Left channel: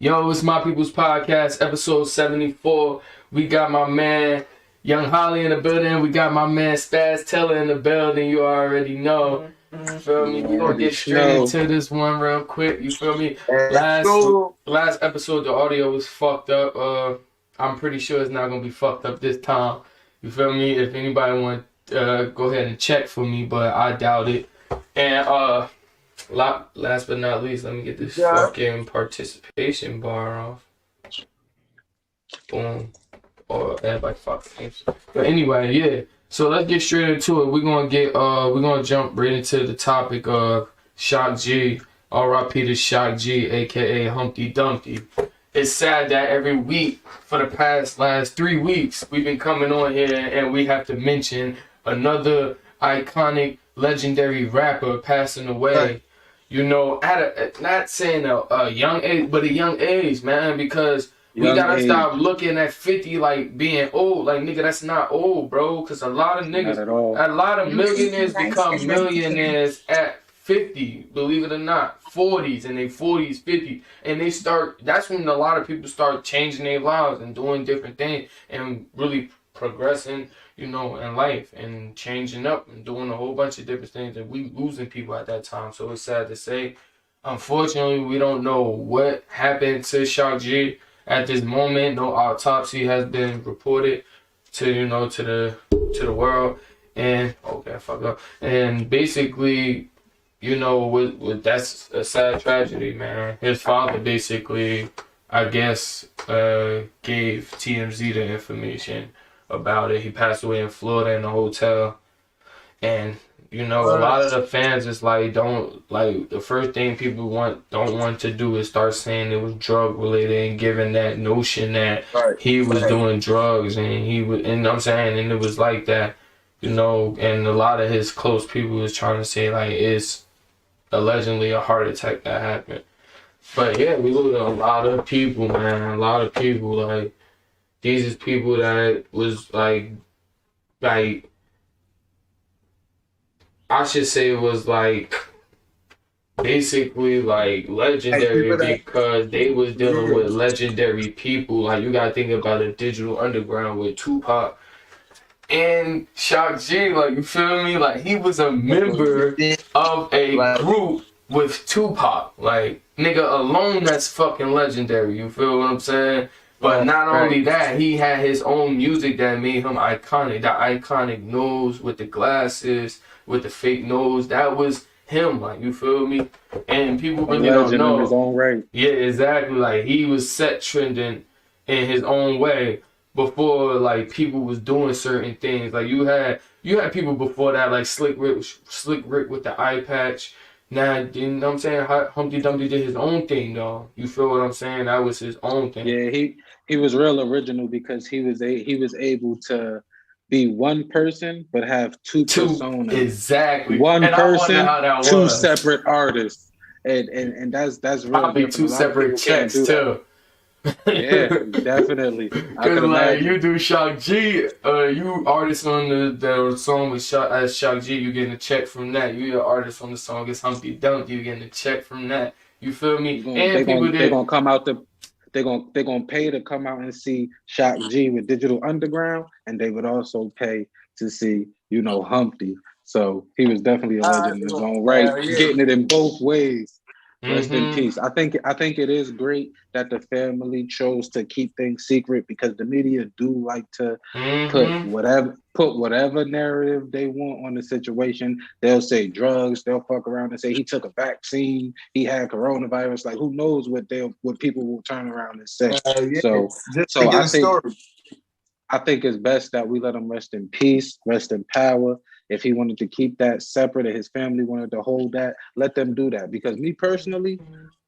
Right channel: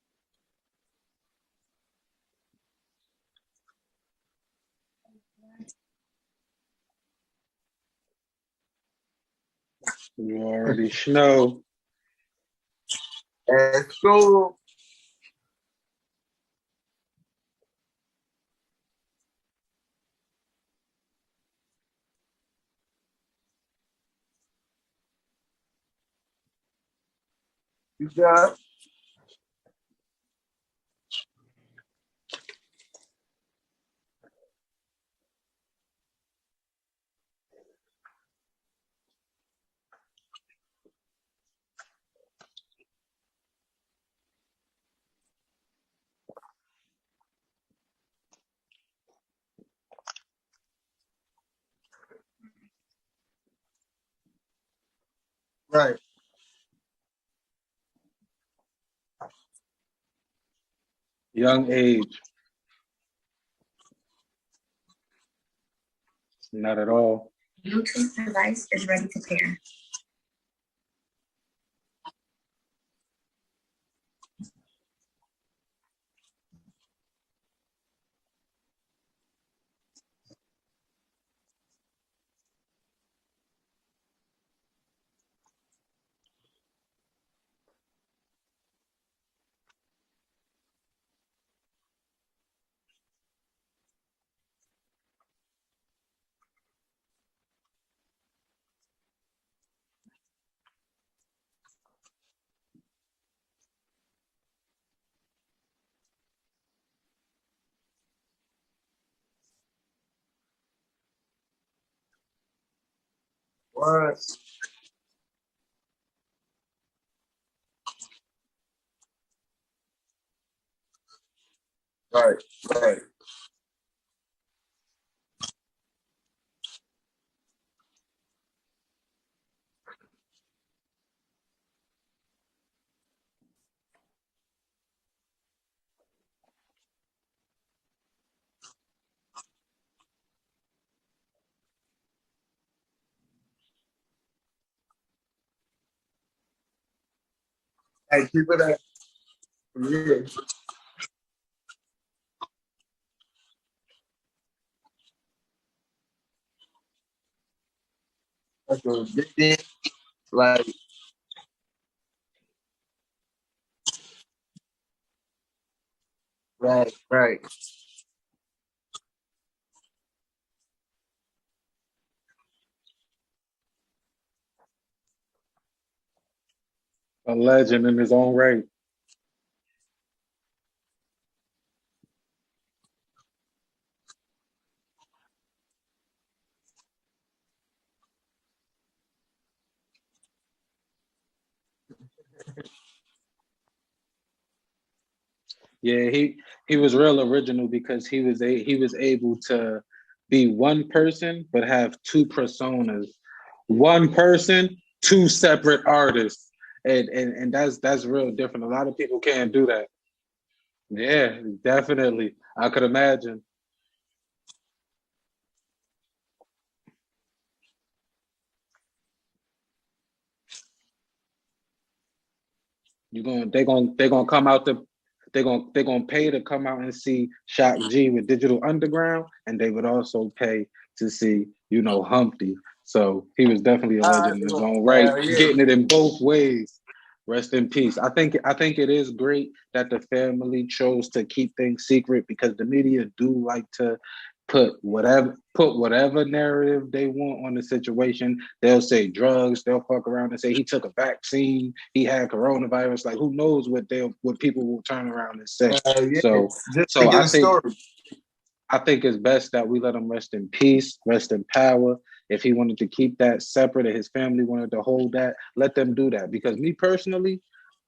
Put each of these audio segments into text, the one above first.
Yo, it's My People's Podcast, episode 74. We got my man Young Holly in the building. We got my man Spaz Teller in the building. You already know. You feel me? You We're gonna already get straight know. into this one real quick. You feel me? Let's Last go. last episode the audio was fucked up. I'm pretty sure it's not gonna be fucked up this time. You feel me? If anybody want go ahead and check for me, but I doubt it. And last but not least, let me get this Yeah. fucking participation bar off. Boom. Or everybody fuck things. But anyway, yeah. So let's get straight into it. We're gonna jump right into the topic of Shock G. R.I.P to Shock G, aka Humpty Dumpty. It's sad that every week for the last 3 weeks we've been coming on here and we have to mention another iconic legendary rapper passing away. Right. You know, not saying a young age, but a young age, man, because we Young gotta age. stop looking at 50 like being old. Like, nigga, that's not old, bro. Because a lot of Not niggas, at all. a lot of millionaires become millionaires at 50, believe it or not. 40s, and they 40s, 50s. And that's when a lot of people start changing their lives and doing different things and really progressing, you know, in life and changing up and doing a whole bunch of different things. And we losing people at that time. So it's sad to say. Unfortunately, we don't know what happened to Shock G at this moment. No autopsy has been reported to the world. And okay, fuck up. And basically, you know, with that's a sad tragedy, man. His father basically, I guess, gave TMZ the information about it. He passed away in Florida in a hotel, and you know, a lot of the fans is like, the first thing people don't want to do is start saying it was drug related and giving that notion that he was doing drugs and I'm saying, and it was like that, you know, and a lot of his close people was trying to say like it's allegedly a heart attack that happened. But yeah, we lose a lot of people, man. A lot of people, like, these is people that was like I should say it was like basically like legendary because they was dealing with legendary people. Like, you gotta think about a digital underground with Tupac and Shock G. Like, you feel me? Like, he was a member of a group with Tupac. Like, nigga alone, that's fucking legendary. You feel what I'm saying? But not only that, he had his own music that made him iconic. The iconic nose with the glasses, with the fake nose, that was him. Like, you feel me? And people A really don't legend in know. his own right. Yeah, exactly. Like, he was set trending in his own way before like people was doing certain things. Like, you had people before that, like Slick Rick with the eye patch. Now, you know what I'm saying? Humpty Dumpty did his own thing, though. You feel what I'm saying? That was his own thing. Yeah, he was real original because he was able to be one person but have two personas. Exactly. One and person, I wonder how that two was. separate artists. And that's real Probably different. two A lot of people separate can't checks do too. that. Yeah, definitely. I could Like, imagine. you do Shock G, you artist on the song with Shock G, you getting a check from that. You an artist on the song it's Humpty Dumpty, you getting a check from that. You feel me? They're gonna come out they're gonna pay to come out and see Shock G with Digital Underground, and they would also pay to see, you know, Humpty. So he was definitely a legend in his own right, getting it in both ways. Rest in peace. I think it is great that the family chose to keep things secret because the media do like to put whatever narrative they want on the situation. They'll say drugs, they'll fuck around and say he took a vaccine, he had coronavirus. Like, who knows what people will turn around and say. So I think it's best that we let him rest in peace, rest in power. If he wanted to keep that separate and his family wanted to hold that, let them do that. Because me personally,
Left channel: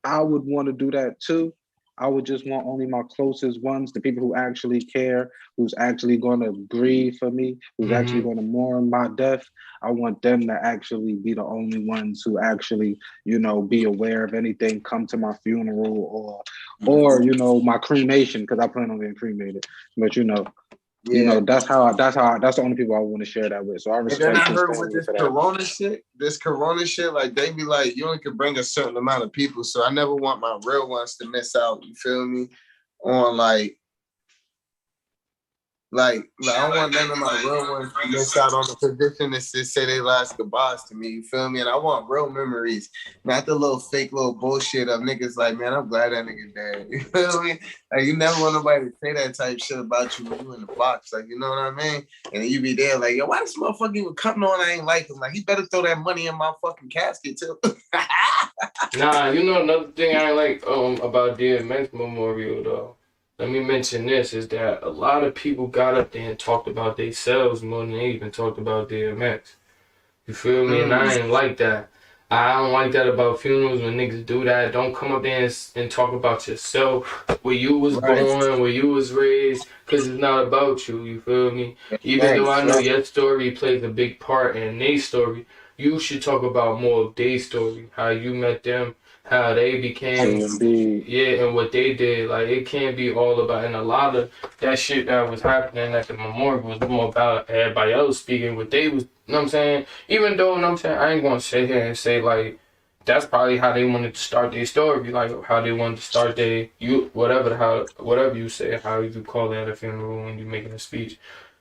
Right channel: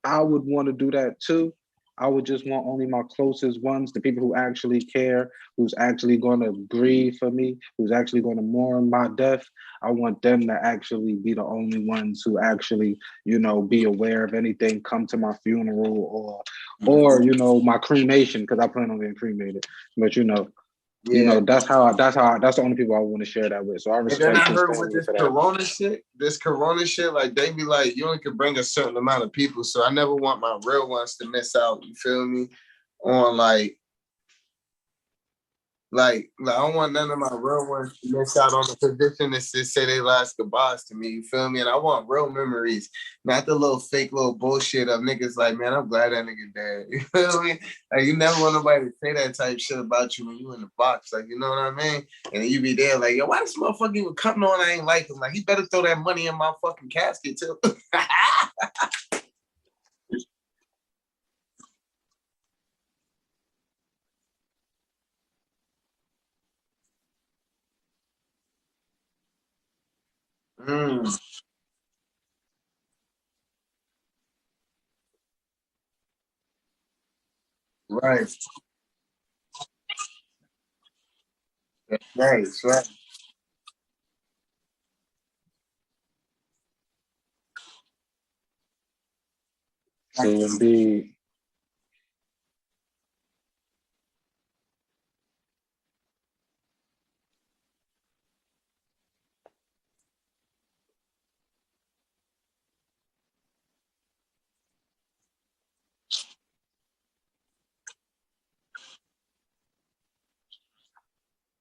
I would want to do that too. I would just want only my closest ones, the people who actually care, who's actually going to grieve for me, who's actually going to mourn my death. I want them to actually be the only ones who actually, you know, be aware of anything, come to my funeral or you know, my cremation, because I plan on getting cremated. But, you know, You Yeah. know, that's the only people I want to share that with. So I And then respect I his heard with family for that. this Corona shit, like they be like, you only can bring a certain amount of people. So I never want my real ones to miss out. You feel me? On I don't want none of my real ones to miss out on the position and say they last goodbyes to me. You feel me? And I want real memories, not the little fake little bullshit of niggas like, man, I'm glad that nigga dead. You feel me? Like you never want nobody to say that type shit about you when you in the box. Like, you know what I mean? And then you be there like, yo, why this motherfucker even coming on? I ain't like him. Like, he better throw that money in my fucking casket too. Nah, you know another thing I like about DMX Memorial though. Let me mention this is that a lot of people got up there and talked about themselves more than they even talked about DMX. You feel me? And I ain't like that. I don't like that about funerals when niggas do that. Don't come up there and talk about yourself, where you was Right. born, where you was raised, because it's not about you. You feel me? Even Right. though I know your story plays a big part in their story, you should talk about more of their story, how you met them, how they So became, indeed, yeah, and what they did. Like, it can't be all about, and a lot of that shit that was happening at the memorial was more about everybody else speaking what they was, you know what I'm saying? Even though, you know what I'm saying, I ain't gonna sit here and say, like, that's probably how they wanted to start their story, like, how they wanted to start whatever you say, how you call it at a funeral when you're making a speech.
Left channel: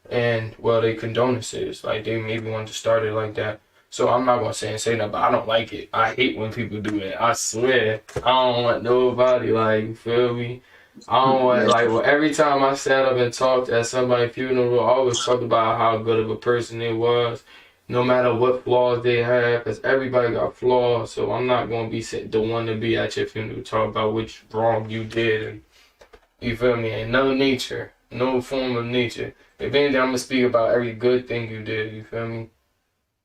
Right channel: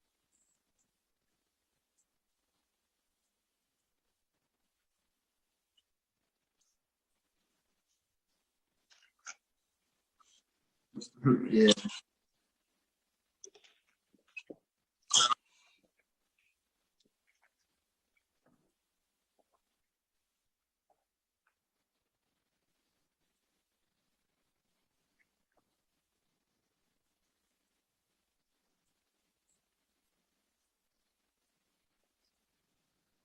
And, well, they condolences, like, they maybe wanted to start it like that. So I'm not gonna say nothing, but I don't like it. I hate when people do that. I swear. I don't want nobody, like, you feel me? I don't want, Yeah. like, well, every time I sat up and talked at somebody's funeral, I always talked about how good of a person they was, no matter what flaws they have, because everybody got flaws. So I'm not gonna be the one to be at your funeral talk about which wrong you did, and you feel me? And no nature, no form of nature. If anything, I'm gonna speak about every good thing you did. You feel me?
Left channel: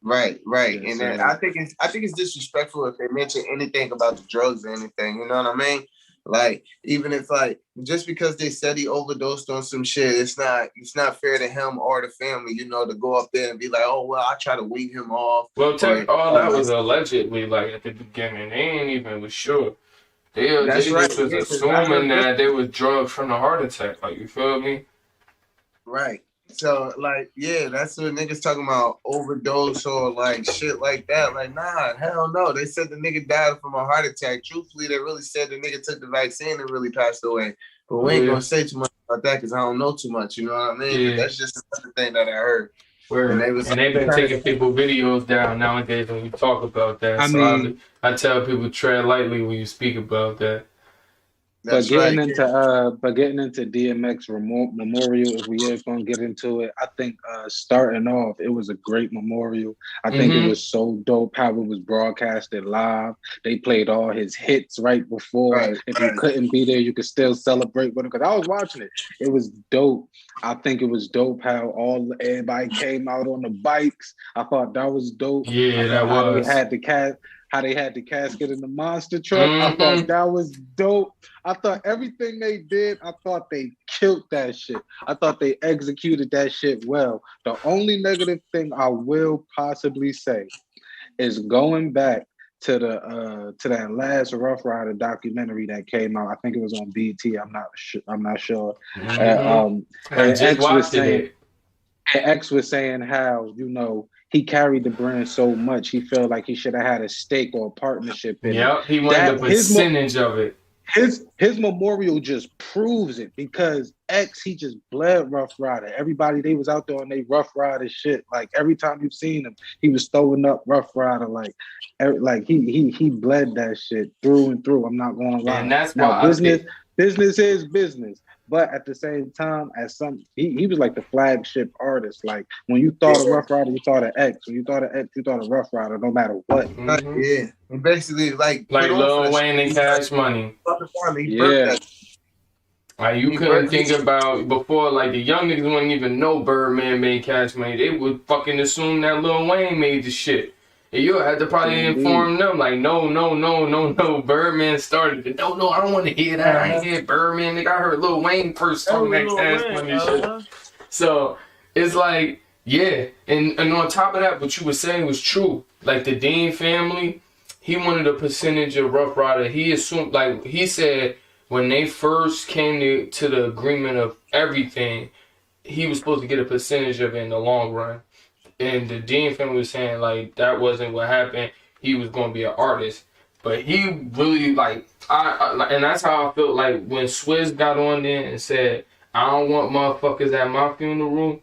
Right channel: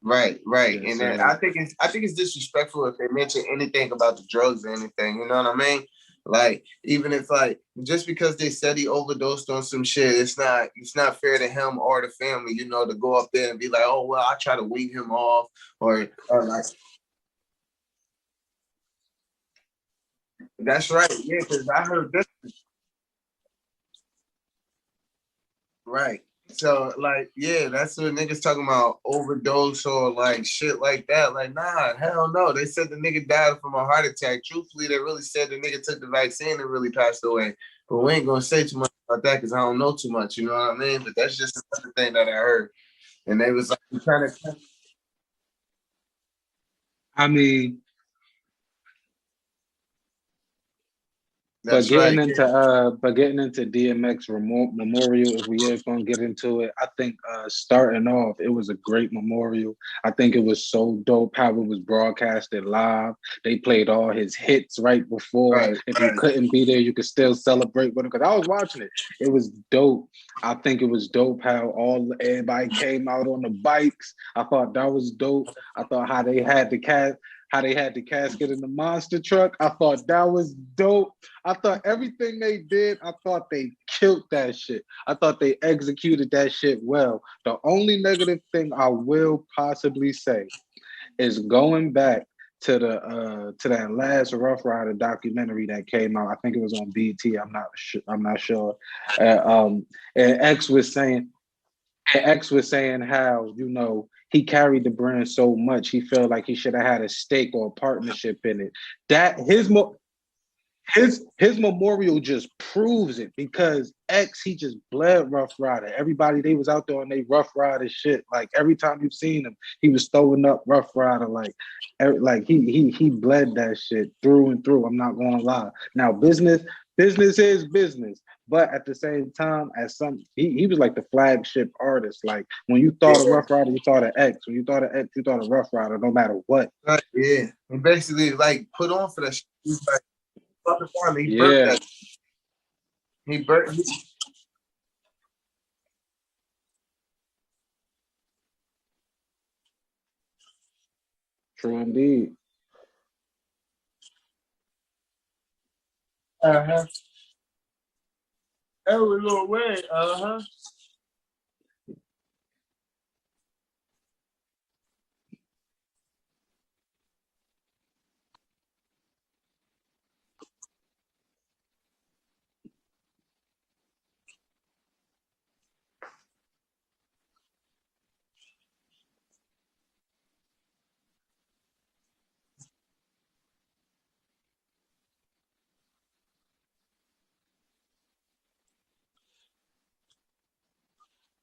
Right. yes, And then sir. I think it's disrespectful if they mention anything about the drugs or anything. You know what I mean? Like, even if like just because they said he overdosed on some shit, it's not fair to him or the family, you know, to go up there and be like, oh well, I try to wean him off Well, or all that was allegedly, like, at the beginning. They ain't even was sure. that's They right. just was Yeah, because I assuming heard this. that they was drugged from the heart attack. Like, you feel me? Right. So like, yeah, that's what niggas talking about overdose or like shit like that. Like, nah, hell no. They said the nigga died from a heart attack. Truthfully, they really said the nigga took the vaccine and really passed away. But we ain't gonna say too much about that because I don't know too much. You know what I mean? But Yeah. that's just another thing that I heard. And they Word. was And they've been trying taking to. people videos down nowadays when you talk about that. I So mean, I tell people tread lightly when you speak about that. That's right. but getting into DMX memorial, if we is gonna get into it, I think starting off, it was a great memorial. I think it Mm-hmm. was so dope how it was broadcasted live. They played all his hits right before. Right. If you couldn't be there, you could still celebrate with him. Because I was watching it. It was dope. I think it was dope how everybody came out on the bikes. I thought that was dope. I Yeah, thought that was. how they had the casket in the monster truck. I thought Mm-hmm. that was dope. I thought everything they did, I thought they killed that shit. I thought they executed that shit well. The only negative thing I will possibly say is going back to that last Rough Rider documentary that came out. I think it was on BT. I'm not sure. I'm not sure. Mm-hmm. I And just watched it. X was saying how, you know, he carried the brand so much he felt like he should have had a stake or a partnership in it. Yep, he wanted a That percentage of it. his memorial just proves it because X, he just bled Rough Rider. Everybody, they was out there on they Rough Rider shit. Like every time you've seen him, he was throwing up Rough Rider. Like he bled that shit through and through. I'm not gonna lie. And that's Now why I think. business is business. But at the same time, he was like the flagship artist. Like when you thought of Yeah. Rough Rider, you thought of X. When you thought of X, you thought of Rough Rider, no matter what. Mm-hmm. Yeah. And basically like put Like on for Lil the shit. Wayne and He's like, Cash Money. he burnt Yeah. that. Like, you He couldn't burnt think about before, like, the young niggas wouldn't even know Birdman made Cash Money. They would fucking assume that Lil Wayne made the shit. And you had to So probably indeed. inform them, like, no, Birdman started it. No, I don't want to hear that. I ain't hear Birdman. Nigga, I heard Lil Wayne first talking that Cash Money shit. So, it's like, yeah. And on top of that, what you were saying was true. Like, the Dean family, he wanted a percentage of Rough Rider. He assumed, like, he said, when they first came to the agreement of everything, he was supposed to get a percentage of it in the long run. And the Dean family was saying like that wasn't what happened. He was gonna be an artist, but he really like and that's how I felt like when Swizz got on there and said, "I don't want motherfuckers at my funeral."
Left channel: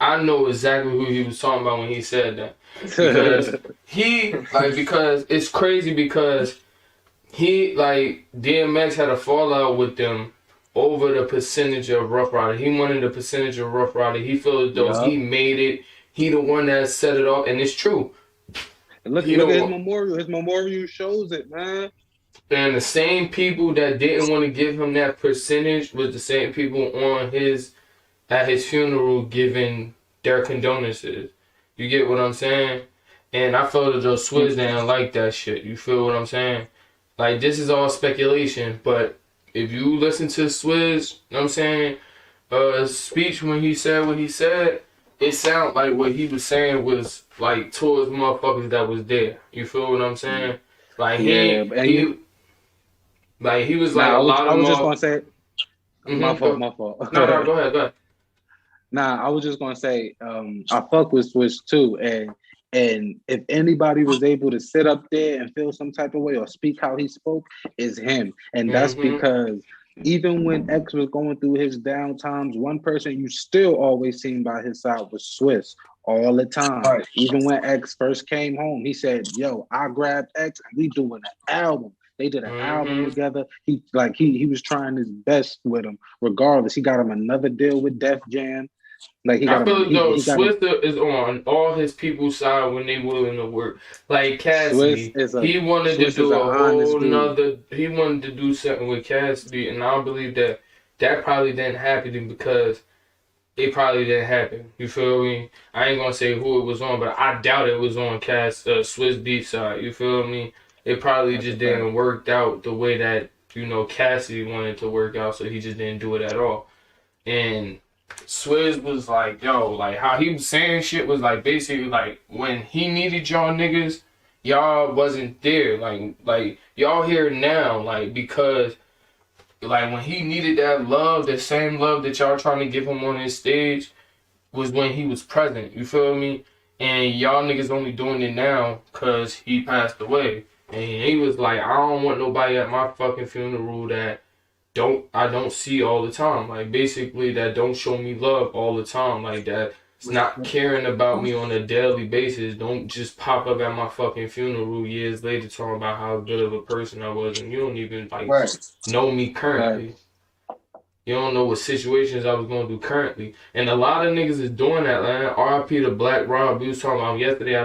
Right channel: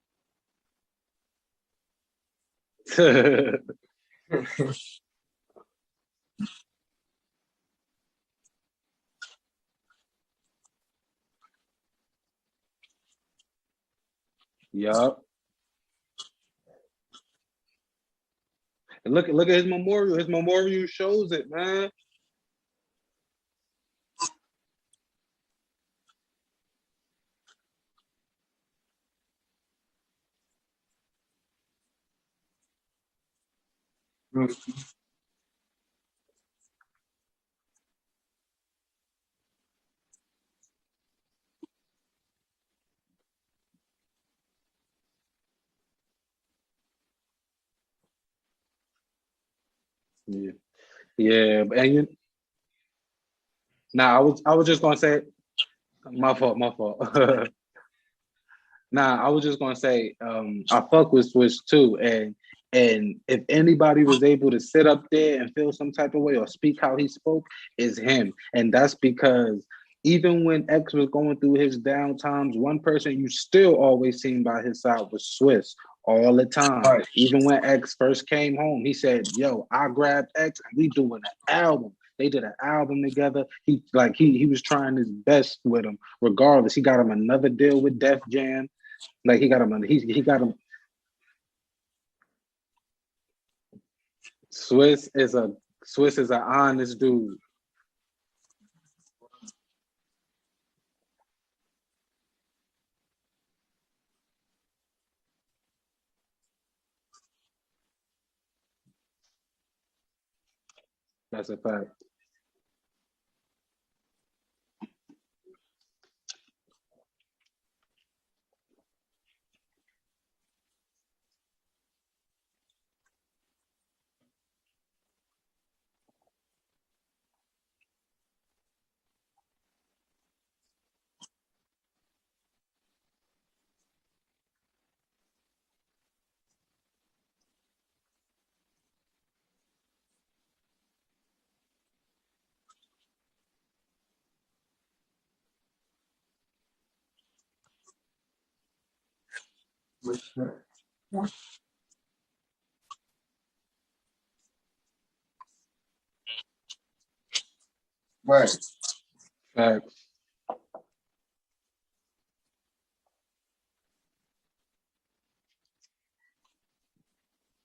I know exactly who he was talking about when he said that, because because it's crazy because he like DMX had a fallout with them over the percentage of Rough Rider. He wanted a percentage of Rough Rider. He felt as though he made it. He the one that set it off, and it's true. Look at his memorial. His memorial shows it, man. And the same people that didn't want to give him that percentage was the same people at his funeral giving their condolences. You get what I'm saying? And I felt as though Swizz didn't like that shit. You feel what I'm saying? Like, this is all speculation, but if you listen to Swizz, you know what I'm saying, speech when he said what he said, it sounded like what he was saying was, like, towards motherfuckers that was there. You feel what I'm saying? Like, he was like, I was just going to say, my fault. No, go ahead. Nah, I was just gonna say, I fuck with Swizz too, and if anybody was able to sit up there and feel some type of way or speak how he spoke, is him, and that's because even when X was going through his down times, one person you still always seen by his side was Swizz all the time. Right. Even when X first came home, he said, "Yo, I grabbed X and we doing an album." They did an album together. He was trying his best with him. Regardless, he got him another deal with Def Jam. Like he got him. Swizz is on all his people's side when they willing to work. Like Cassidy, he wanted to do a whole nother. He wanted to do something with Cassidy, and I believe that probably didn't happen because it probably didn't happen. You feel me? I ain't gonna say who it was on, but I doubt it was on Swizz Beatz side. You feel me? It probably just didn't work out the way that Cassidy wanted to work out, so he just didn't do it at all. And Swizz was like, yo, like how he was saying shit was like basically like when he needed y'all niggas, y'all wasn't there. Like y'all here now, like because like when he needed that love, the same love that y'all trying to give him on his stage was when he was present. You feel me? And y'all niggas only doing it now because he passed away. And he was like, I don't want nobody at my fucking funeral that I don't see all the time. Like basically that don't show me love all the time. Like that's not caring about me on a daily basis. Don't just pop up at my fucking funeral years later talking about how good of a person I was, and you don't even know me currently. You don't know what situations I was going through currently. And a lot of niggas is doing that, man. R.I.P. to Black Rob. We was talking about yesterday,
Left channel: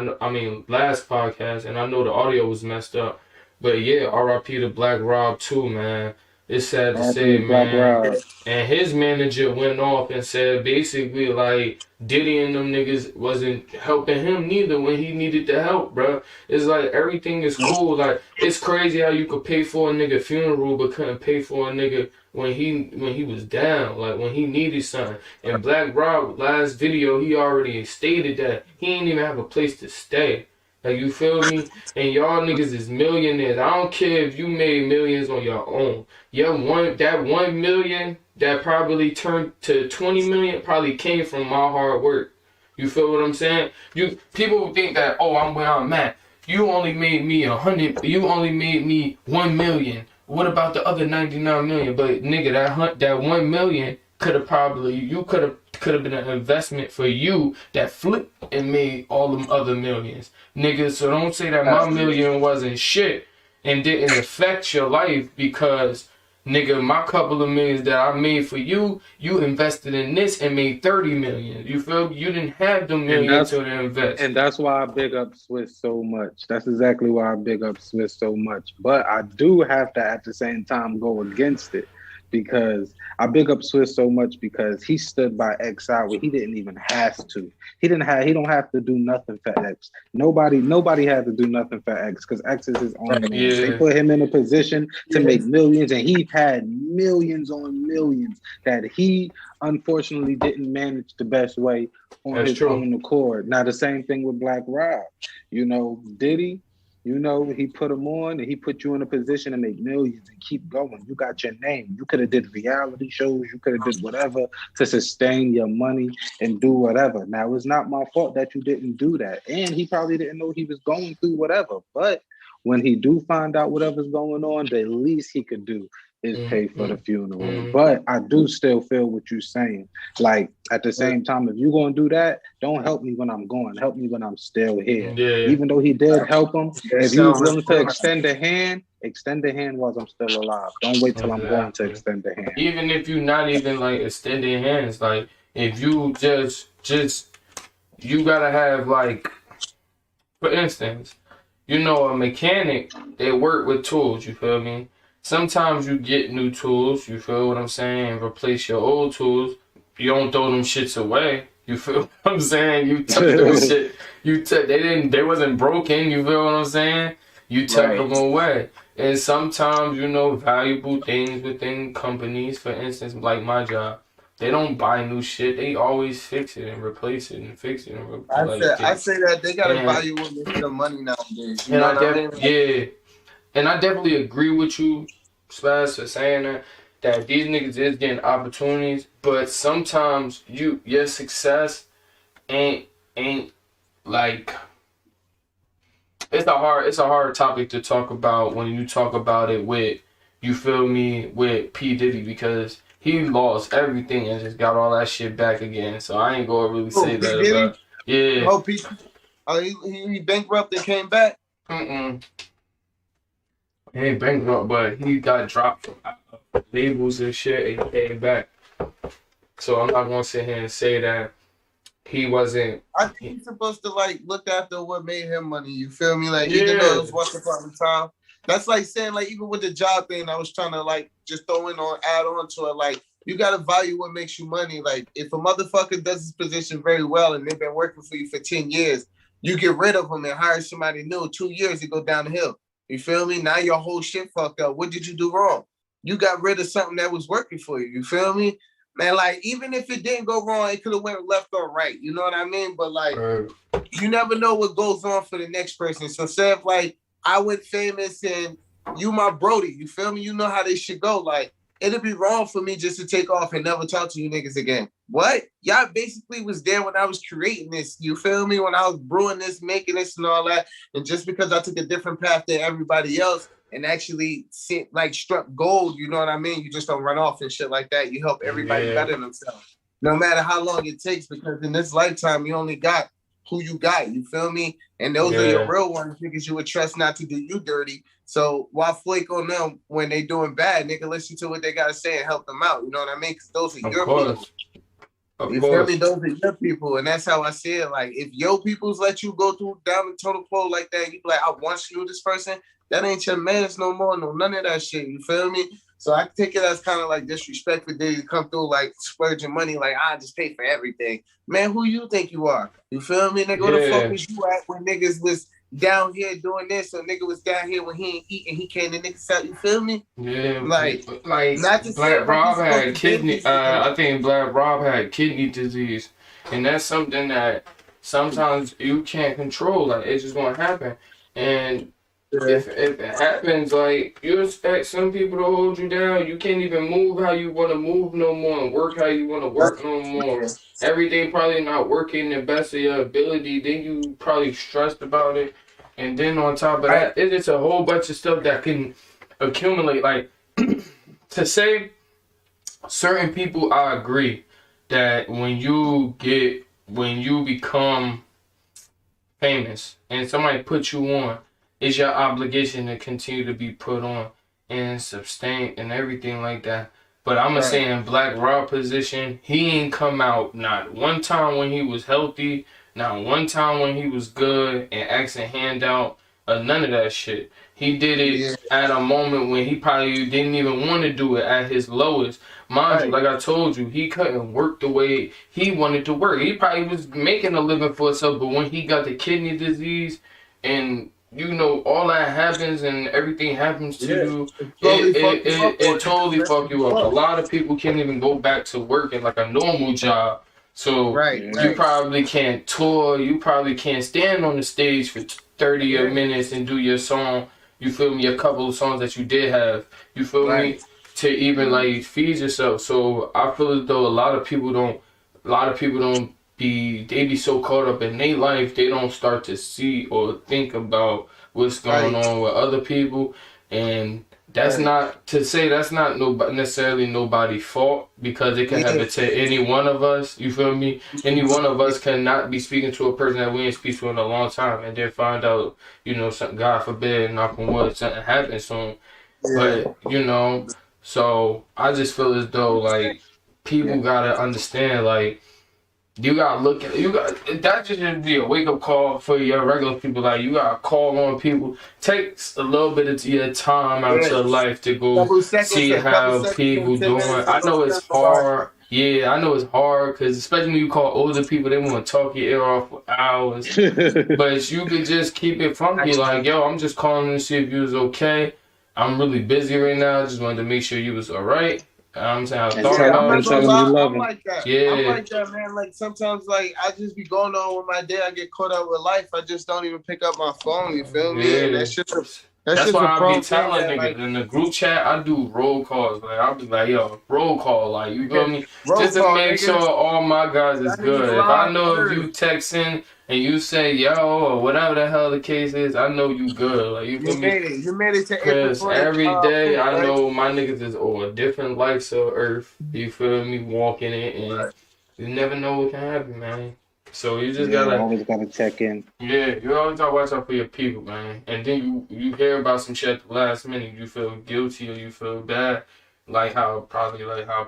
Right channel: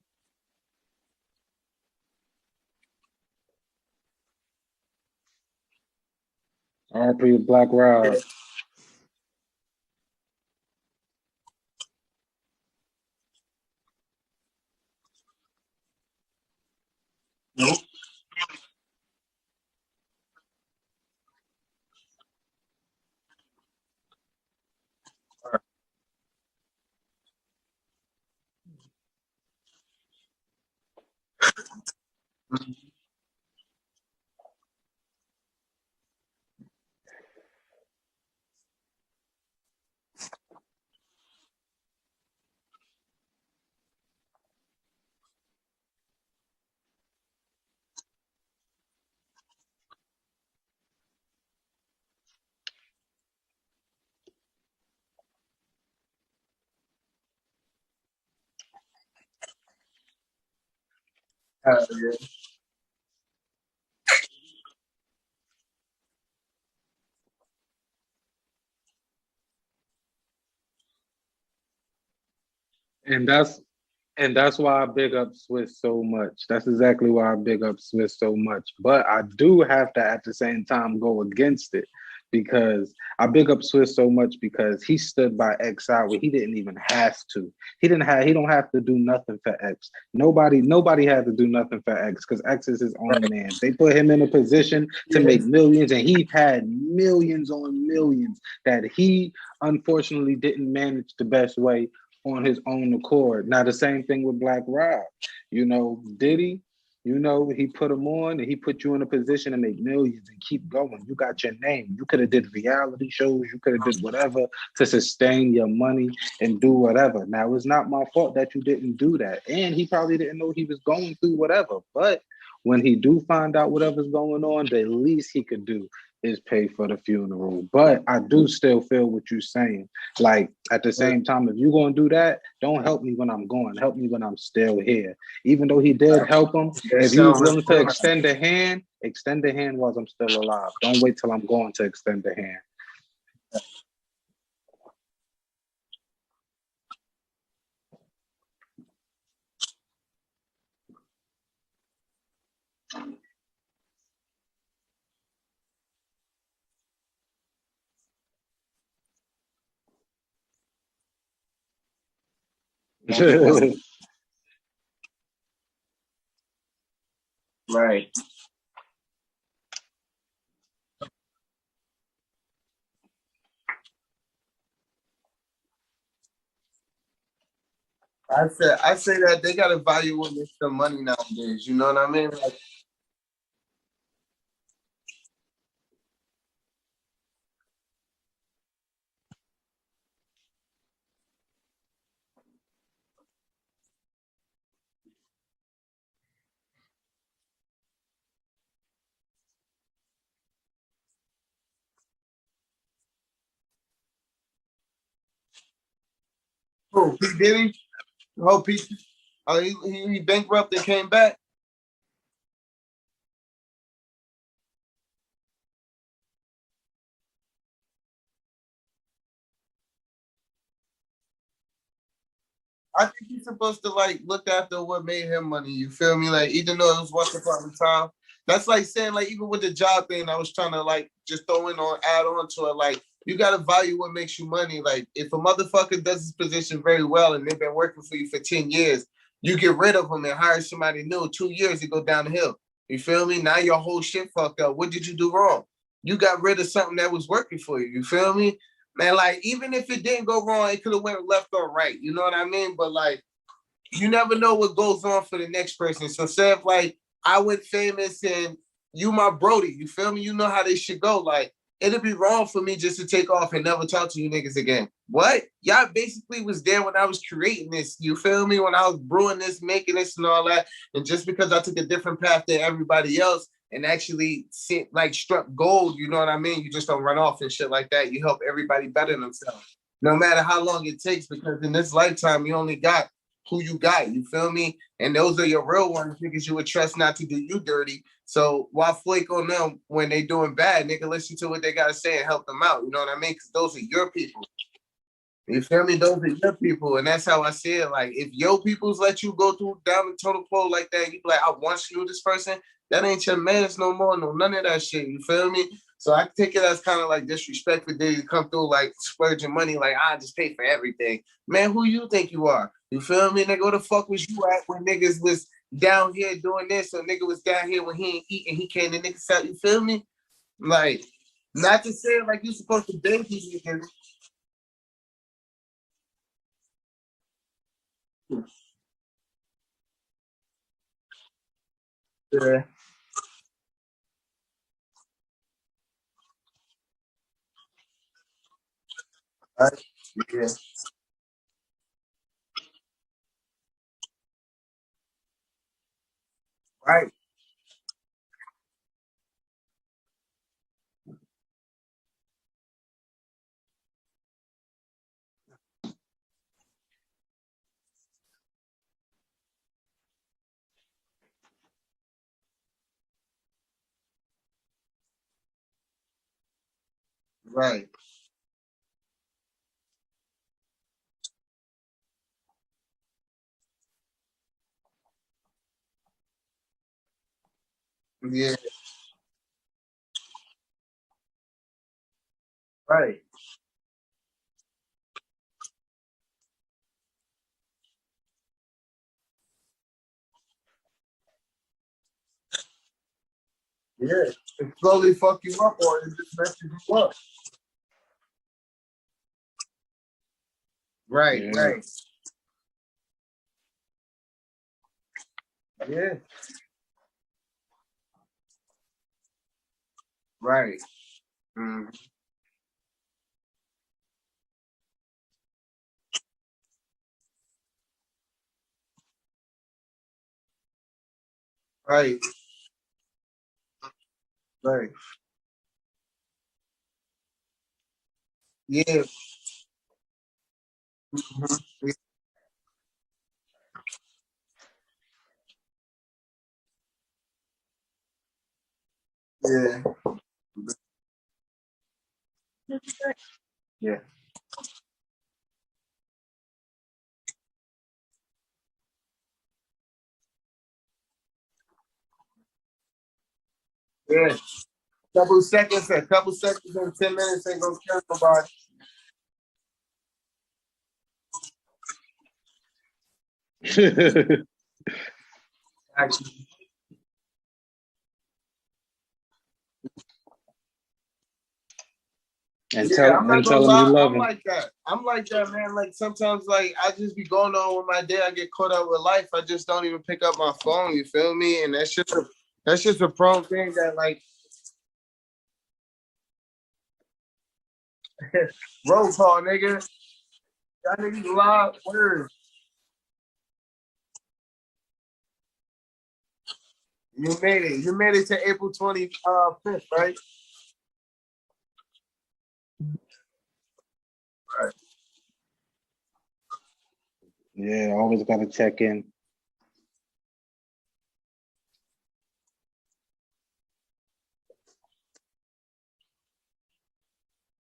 last podcast, and I know the audio was messed up. But yeah, R.I.P. to Black Rob too, man. It's sad to say, man. And his manager went off and said basically like Diddy and them niggas wasn't helping him neither when he needed the help, bro. It's like everything is cool. Like it's crazy how you could pay for a nigga funeral but couldn't pay for a nigga when he was down, like when he needed something. And Black Rob last video he already stated that he ain't even have a place to stay. Like you feel me? And y'all niggas is millionaires. I don't care if you made millions on your own. That 1 million that probably turned to 20 million probably came from my hard work. You feel what I'm saying? People think that, oh, I'm where I'm at. You only made me 100. You only made me 1 million. What about the other 99 million? But nigga, that 1 million could have been an investment for you that flipped and made all them other millions, nigga. So don't say that my million wasn't shit and didn't affect your life because, nigga, my couple of millions that I made for you, you invested in this and made 30 million. You feel me? You didn't have the millions to invest. And that's why I big up Swizz so much. That's exactly why I big up Swizz so much. But I do have to at the same time go against it. Because I big up Swizz so much because he stood by X out where he didn't even have to. He don't have to do nothing for X. Nobody had to do nothing for X because X is his own man. Yeah. They put him in a position to make millions, and he had millions on millions that he unfortunately didn't manage the best way on his own accord. Now the same thing with Black Rob. Diddy. You know, he put them on and he put you in a position to make millions and keep going. You got your name. You could have did reality shows. You could have did whatever to sustain your money and do whatever. Now, it's not my fault that you didn't do that. And he probably didn't know he was going through whatever. But when he do find out whatever's going on, the least he could do is pay for the funeral. But I do still feel what you're saying. Like, at the same time, if you're going to do that, don't help me when I'm going. Help me when I'm still here. Yeah. Even though he did help him, if you was willing to extend a hand while I'm still alive. Don't wait till I'm going to extend a hand. Even if you're not even like extending hands, like if you just you gotta have, like, for instance, you know, a mechanic, they work with tools, you feel me? Sometimes you get new tools, you feel what I'm saying, and replace your old tools. You don't throw them shits away. You feel what I'm saying? You took them shit. They wasn't broken, you feel what I'm saying? You took them away. And sometimes, you know, valuable things within companies, for instance, like my job, they don't buy new shit. They always fix it and replace it and fix it and replace it. I say that they got to value with the money nowadays. You know what I mean? Yeah. And I definitely agree with you, Spaz, for saying that these niggas is getting opportunities, but sometimes your success ain't like, it's a hard topic to talk about when you talk about it with, you feel me, with P. Diddy, because he lost everything and just got all that shit back again. So I ain't gonna really say that. Diddy? Yeah. He bankrupt and came back? He ain't bankrupt, but he got dropped from labels and shit and he came back. So I'm not gonna sit here and say that he wasn't. I think he's supposed to like look after what made him money. You feel me? Like, even though it was once upon a time, that's like saying, like, even with the job thing, I was trying to like just add on to it. Like, you gotta value what makes you money. Like, if a motherfucker does his position very well and they've been working for you for 10 years, you get rid of them and hire somebody new. 2 years, it go down the hill. You feel me? Now your whole shit fucked up. What did you do wrong? You got rid of something that was working for you. You feel me? Man, like, even if it didn't go wrong, it could have went left or right. You know what I mean? But, like, you never know what goes on for the next person. So, say if, like, I went famous and you my Brody, you feel me? You know how this shit go. Like, it'd be wrong for me just to take off and never talk to you niggas again. What? Y'all basically was there when I was creating this. You feel me? When I was brewing this, making this and all that. And just because I took a different path than everybody else and actually struck gold, you know what I mean? You just don't run off and shit like that. You help everybody better themselves. No matter how long it takes, because in this lifetime, you only got who you got. You feel me? And those are your real ones, niggas you would trust not to do you dirty. So why flake on them when they doing bad? Nigga, listen to what they got to say and help them out. You know what I mean? Because those are your people. You feel me? Those are your people. And that's how I see it. Like, if your peoples let you go through down the total pole like that, you be like, I want you to this person. That ain't your mans no more. No, none of that shit. You feel me? So I take it as kind of like disrespect for Diddy to come through like splurging money, like, I just pay for everything. Man, who you think you are? You feel me? Nigga, where the fuck was you at when niggas was down here doing this, or nigga was down here when he ain't eating, he came to niggas out, you feel me? Yeah. Like not to say Black Rob had kidney, I think Black Rob had kidney disease. And that's something that sometimes you can't control. Like, it's just gonna happen. And if it happens, like, you expect some people to hold you down. You can't even move how you want to move no more and work how you want to work no more. Everything probably not working the best of your ability. Then you probably stressed about it. And then on top of that, it's just a whole bunch of stuff that can accumulate. Like, to say certain people, I agree that when you become famous and somebody puts you on, it's your obligation to continue to be put on and sustain and everything like that. But I'm gonna say in Black Rob position, he ain't come out not one time when he was healthy, not one time when he was good and asking handout, none of that shit. He did it at a moment when he probably didn't even want to do it at his lowest. Mind you, like I told you, he couldn't work the way he wanted to work. He probably was making a living for himself, but when he got the kidney disease and you know, all that happens and everything happens to you. It totally fuck you up. A lot of people can't even go back to working like a normal job. So Right, you right. probably can't tour. You probably can't stand on the stage for 30 Yeah. minutes and do your song. You feel me? A couple of songs that you did have. You feel Right. me? To even like feed yourself. So I feel as though a lot of people don't they be so caught up in their life they don't start to see or think about what's going Right. on with other people. And that's Right. not to say that's not necessarily nobody's fault, because it could Yeah. happen to any one of us. You feel me? Any one of us cannot be speaking to a person that we ain't speak to in a long time, and then find out, something, God forbid, knock on wood, something happens soon. Yeah. But so I just feel as though like people Yeah. gotta understand, like, you gotta look at that just should be a wake up call for your regular people. Like, you gotta call on people. Take a little bit of your time out Yeah. your life to go Couple seconds, see a couple how seconds, and people 10 doing. minutes I ain't gonna know it's kill nobody. hard. Yeah, I know it's hard, because especially when you call older people, they want to talk your ear off for hours. But you could just keep it funky, like, yo, I'm just calling to see if you was okay. I'm really busy right now. I just wanted to make sure you was all right. I'm saying, I and thought Yeah, I'm not and about gonna tell you. them you lie. love I'm them. like that. I'm Yeah, like that, man. Like sometimes, like I just be going on with my day. I get caught up with life. I just don't even pick up my phone. You feel me? And yeah. that's That's just why a I be prone thing telling that niggas like in the group chat. I do roll calls. Like, I'll be like, yo, roll call. Like, you feel me? roll Just to call, make sure nigga. all my guys is That niggas good. If I live know if you first. texting and you say yo or whatever the hell the case is, I know you good. Like, you feel You me? made it. You made it to April Cause 20th. every day 5th, I right? know my niggas is on a different life of earth. You feel me? Walking it, and Right. you never know what can happen, man. So you just Yeah, gotta, always gotta check in. yeah, you always gotta watch out for your people, man. And then you hear about some shit at the last minute, you feel guilty or you feel bad, like how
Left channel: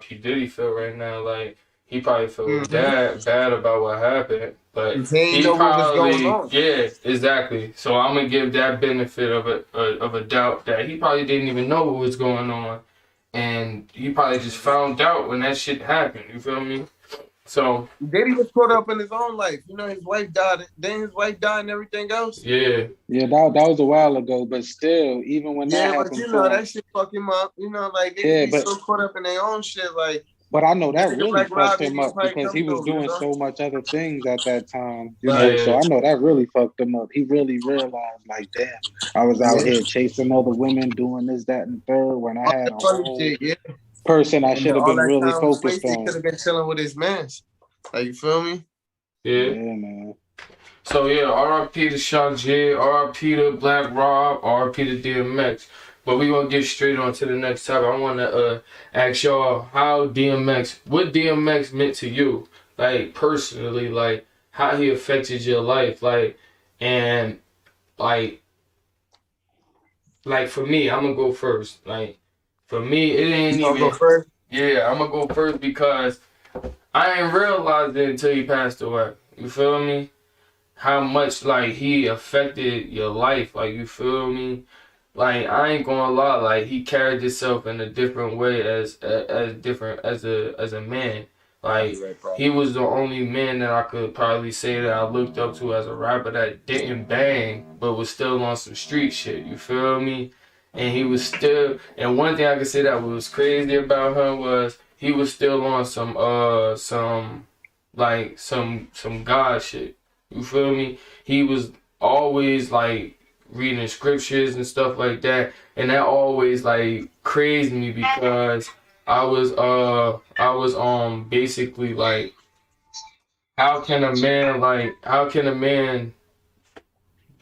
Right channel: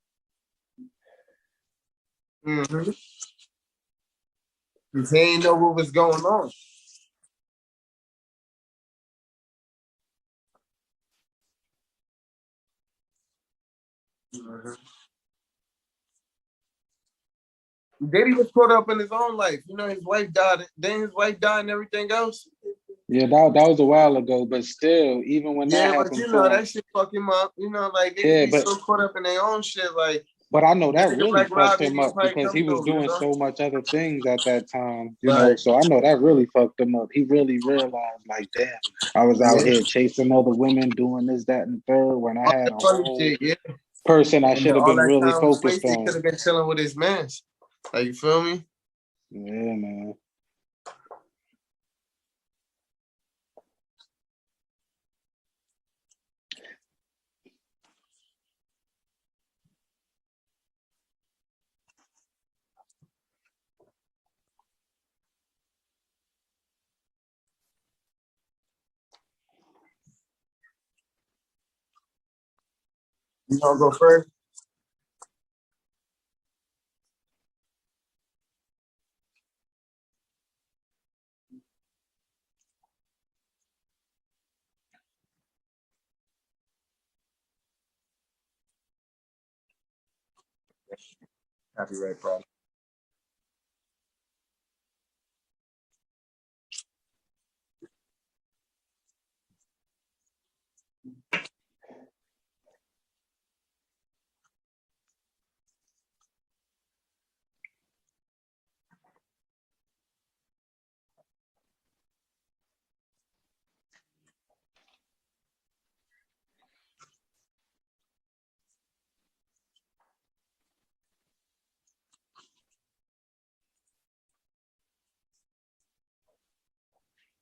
P Diddy feel right now. Like, he probably feel Mm-hmm. bad about what happened, but He ain't he know what was going probably, on. yeah, exactly. So I'm gonna give that benefit of a doubt that he probably didn't even know what was going on, and he probably just found out when that shit happened. You feel me? So Diddy was caught up in his own life. You know, his wife died. Then his wife died and everything else. yeah. Yeah, that was a while ago, but still, even when that Yeah, but happened you know to him, that shit fuck him up. You know, like niggas yeah, be but so caught up in their own shit. Like I know a that nigga really like Rob fucked didn't him even up probably because come he was through. You doing know, so much other things at that time, right? So Yeah. I know that really fucked him up. He really realized, like, damn, I was out Yeah, here chasing other women, doing this, that, and the third when I all had that a funny whole shit. Yeah, person I and then should have all been that really time was focused wasted. He could on. have been chilling with his mans. Like you feel me? Yeah. Yeah, man. So yeah, R.I.P. to Shock J, R.I.P. to Black Rob, R.I.P. to DMX. But we gonna get straight on to the next topic. I wanna ask y'all what DMX meant to you, like personally, like how he affected your life, like, and like for me, I'm gonna go first. Like, for me, it You ain't gonna go even. first? Yeah, I'm gonna go first because I ain't realized it until he passed away. You feel me? How much like he affected your life, like, you feel me? Like, I ain't gonna lie, like, he carried himself in a different way as different as a man. I'll be Like, right back. he was the only man that I could probably say that I looked up to as a rapper that didn't bang but was still on some street shit, you feel me? And he was still, and one thing I could say that was crazy about him was he was still on some God shit. You feel me? He was always like reading scriptures and stuff like that, and that always like crazed me because I was basically like, how can a man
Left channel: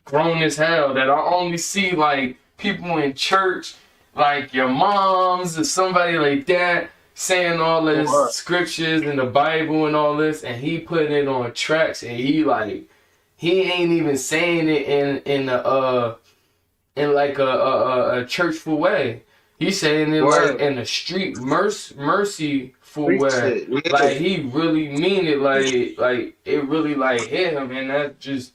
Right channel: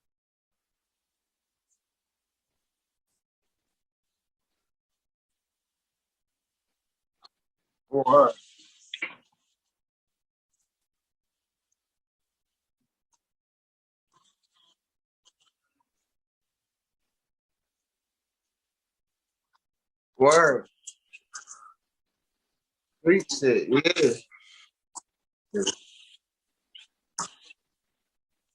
grown as hell that I only see like people in church, like your moms or somebody like that, saying all this Or scriptures in the Bible and all this, and he putting it on tracks, and he ain't even saying it in like a churchful way. He's saying it like word. in a street mercyful Freak way. shit. Yeah. Like, he really mean it. Like it really like hit him, and that just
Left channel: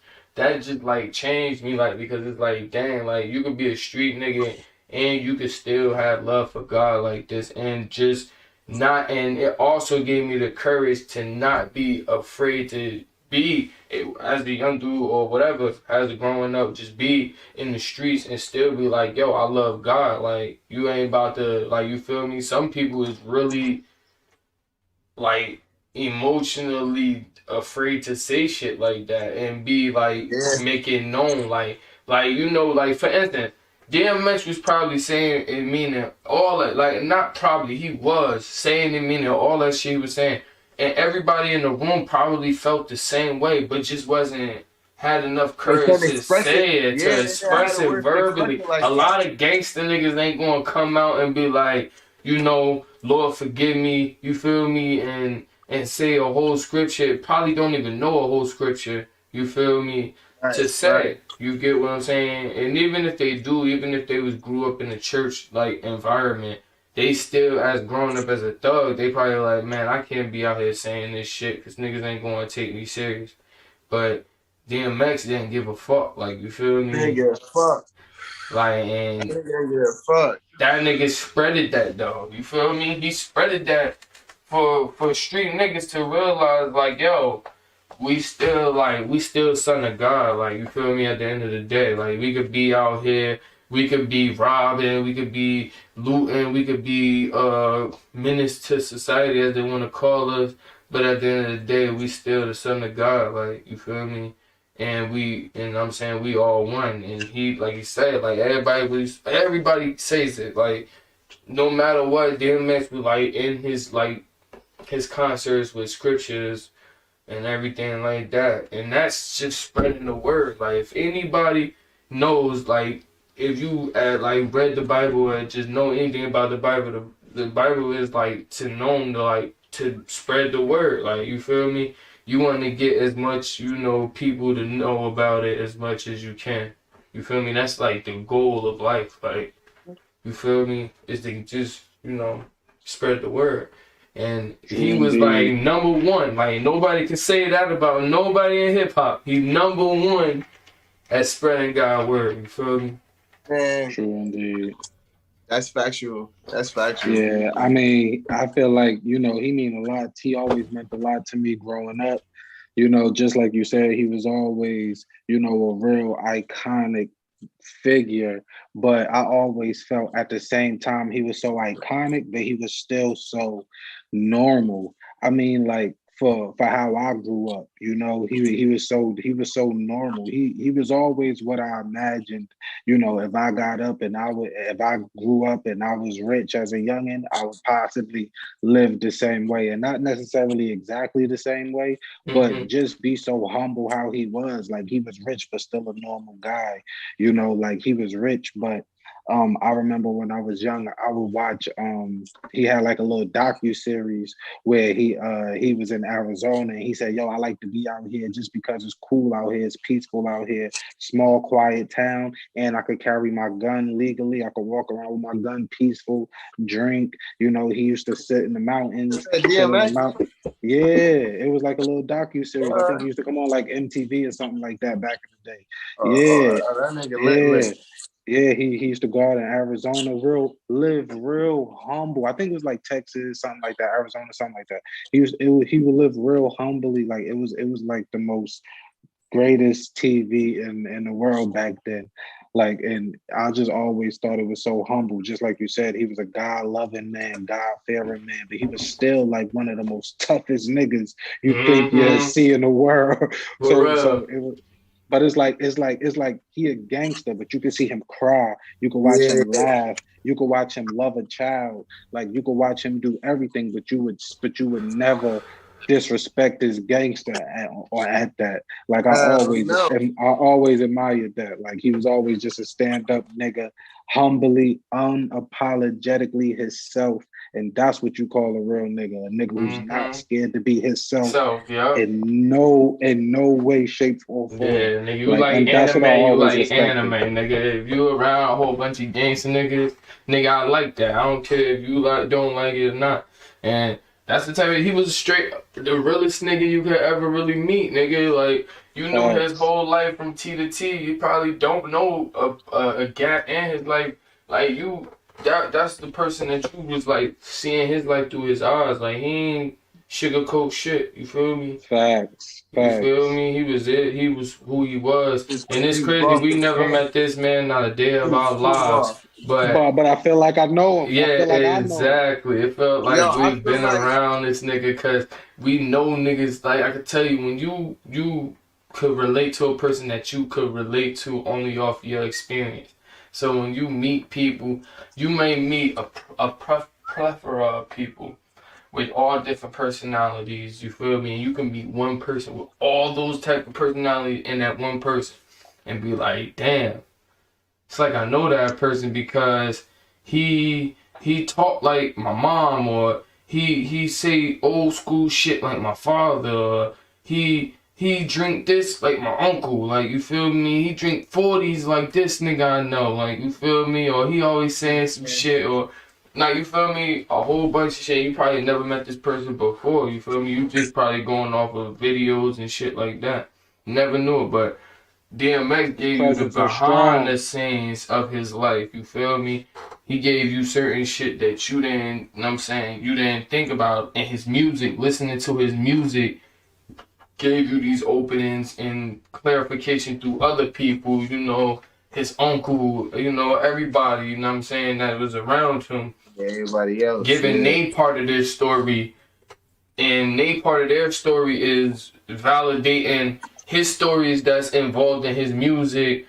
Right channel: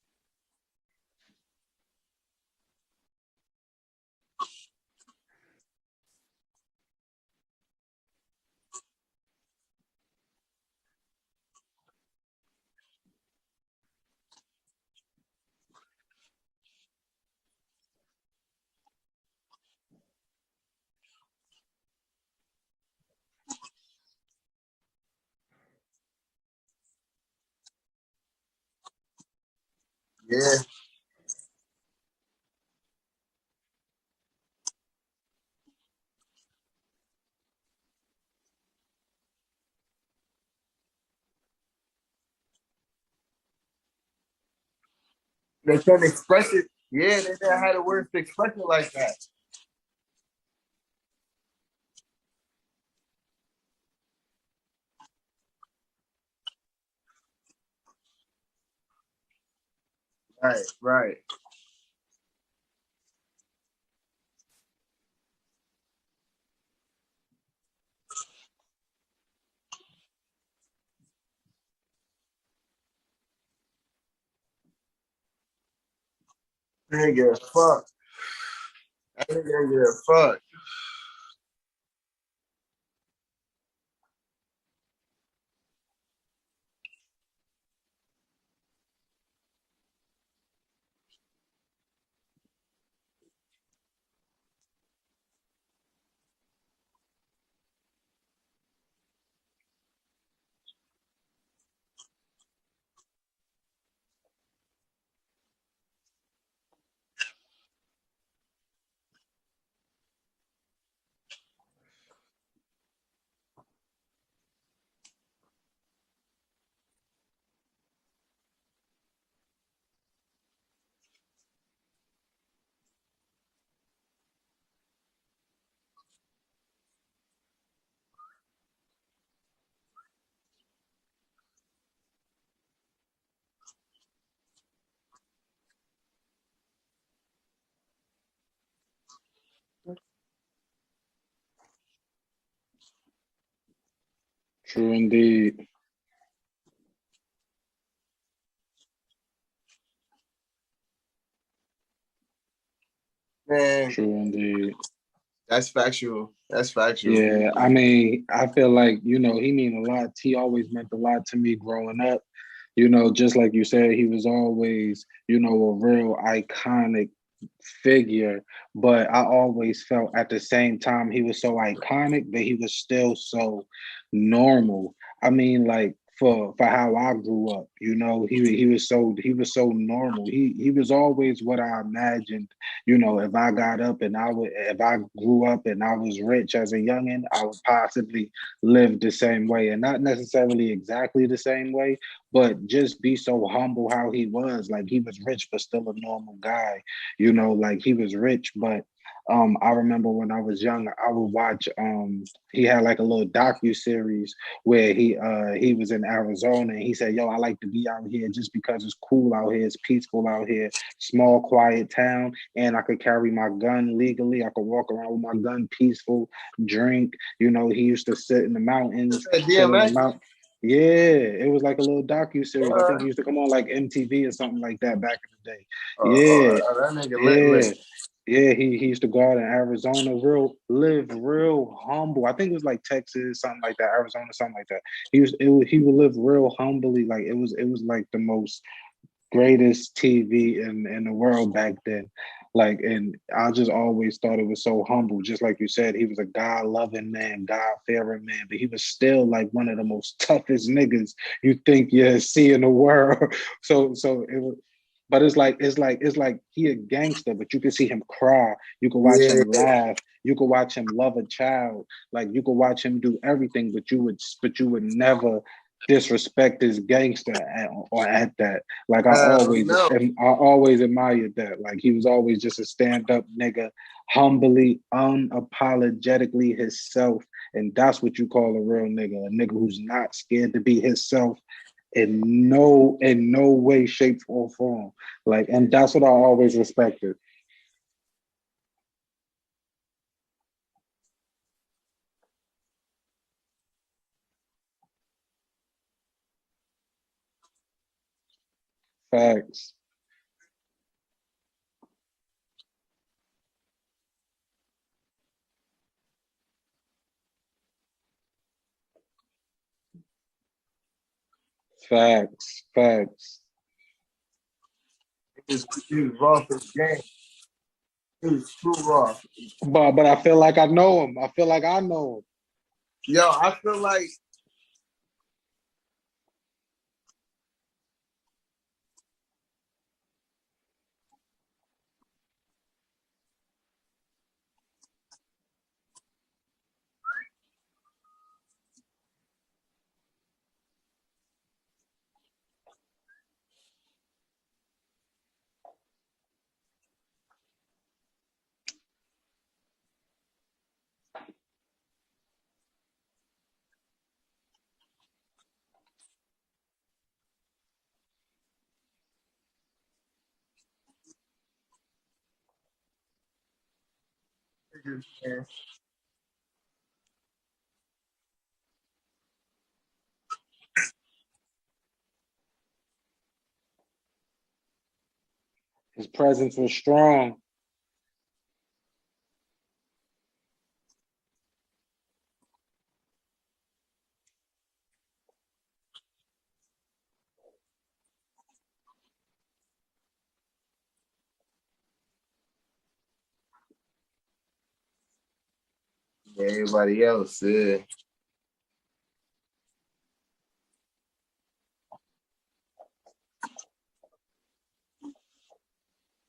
like changed me. Like, because it's like, dang, like, you could be a street nigga and you could still have love for God like this, and just not. And it also gave me the courage to not be afraid to be, as a young dude or whatever, as a growing up, just be in the streets and still be like, yo, I love God. Like, you ain't about to, like, you feel me? Some people is really like emotionally afraid to say shit like that and be like Yeah. make it known like you know, like for instance, DMX was probably saying and meaning all that, like not probably, he was saying and meaning all that shit he was saying, and everybody in the room probably felt the same way, but just wasn't had enough They courage can't to express it. say it, Yeah, to they didn't have express the it words to express verbally. it like A that. lot of gangster niggas ain't gonna come out and be like, you know, Lord forgive me, you feel me, and say a whole scripture. Probably don't even know a whole scripture, you feel me, Right, to say. right. You get what I'm saying? And even if they do, even if they was grew up in a church like environment, they still, as growing up as a thug, they probably like, man, I can't be out here saying this shit because niggas ain't gonna take me serious. But DMX didn't give a fuck, like, you feel me? Nigga, fuck. Like, and Nigga, fuck. that nigga spreaded that though. You feel me? He spreaded that for street niggas to realize like, yo, we still son of God. Like, you feel me? At the end of the day, like, we could be out here, we could be robbing, we could be looting, we could be menace to society as they want to call us. But at the end of the day, we still the son of God. Like, you feel me? And I'm saying we all one. And he, like he said, like everybody says it. Like, no matter what, DMX was like in his concerts with scriptures and everything like that. And that's just spreading the word. Like, if anybody knows, like, if you like read the Bible or just know anything about the Bible, the Bible is like to known to like to spread the word. Like, you feel me? You want to get as much, you know, people to know about it as much as you can. You feel me? That's like the goal of life. Like, you feel me? Is to just, you know, spread the word. And True he was like indeed. number one. Like, nobody can say that about nobody in hip hop. He number one at spreading God's word. You feel me? Man, True indeed. that's factual. That's factual. Yeah, I mean, I feel like, you know, he mean a lot. He always meant a lot to me growing up. You know, just like you said, he was always, you know, a real iconic figure. But I always felt at the same time he was so iconic, but he was still so normal. I mean, like for how I grew up, you know, he was so normal. He was always what I imagined. You know, if I got up and if I grew up and I was rich as a youngin, I would possibly live the same way, and not necessarily exactly the same way, but Mm-hmm. just be so humble how he was. Like, he was rich but still a normal guy. You know, like, he was rich, but I remember when I was young, I would watch he had like a little docu-series where he was in Arizona, and he said, yo, I like to be out here just because it's cool out here, it's peaceful out here, small quiet town, and I could carry my gun legally, I could walk around with my gun peaceful, drink. You know, he used to sit in the mountains, chill in the DMX. mountains. Yeah, it was like a little docu-series. I think he used to come on like MTV or something like that back in the day. Yeah, That nigga lit yeah. lit. Yeah, he used to go out in Arizona, live real humble. I think it was like Texas, something like that, Arizona, something like that. He would live real humbly. Like, it was like the most greatest TV in the world back then. Like, and I just always thought it was so humble. Just like you said, he was a God loving man, God fearing man, but he was still like one of the most toughest niggas you think you Mm-hmm. see in the world. For So real. it was. But it's like he a gangster, but you can see him cry. You can watch Yeah. him laugh. You can watch him love a child. Like, you can watch him do everything, but you would never disrespect his gangster or at that. Like, No. I always admired that. Like, he was always just a stand-up nigga, humbly, unapologetically himself. And that's what you call a real nigga, a nigga who's not Mm-hmm. scared to be himself So, yeah. in no way, shape, or form. Yeah, nigga, you Like, like and that's what I anime, you always like anime, respected. nigga. If you around a whole bunch of gangster niggas, nigga, I like that. I don't care if you like don't like it or not. And that's the type of, he was straight the realest nigga you could ever really meet, nigga. Like, you know his Facts. whole life from T to T. You probably don't know a gap in his life. Like, you that's the person that you was like seeing his life through his eyes. Like he ain't sugarcoat shit. You feel me? Facts. You feel Facts. me? He was it. He was who he was. And it's He was crazy. off We the never game. met this man not a day He of was our too lives. off. But But I feel like I know him. yeah, I feel like I know him. exactly. It felt Yo, like I we've feel been like around this nigga because we know niggas. Like I could tell you when you could relate to a person that you could relate to only off your experience. So when you meet people, you may meet a plethora of people with all different personalities. You feel me? And you can meet one person with all those type of personalities in that one person, and be like, damn. It's like I know that person because he talk like my mom, or he say old school shit like my father, or he drink this like my uncle, like you feel me? He drink 40s like this nigga I know, like you feel me? Or he always saying some shit, or like you feel me? A whole bunch of shit. You probably never met this person before, you feel me? You just probably going off of videos and shit like that. Never knew it, but DMX His gave you the presence was behind the strong. scenes of his life. You feel me? He gave you certain shit that you didn't, you know what I'm saying, you didn't think about. And his music, listening to his music, gave you these openings and clarification through other people, you know, his uncle, you know, everybody, you know what I'm saying, that was around him, everybody else. giving Yeah. they part of their story. And they part of their story is validating his stories that's involved in his music,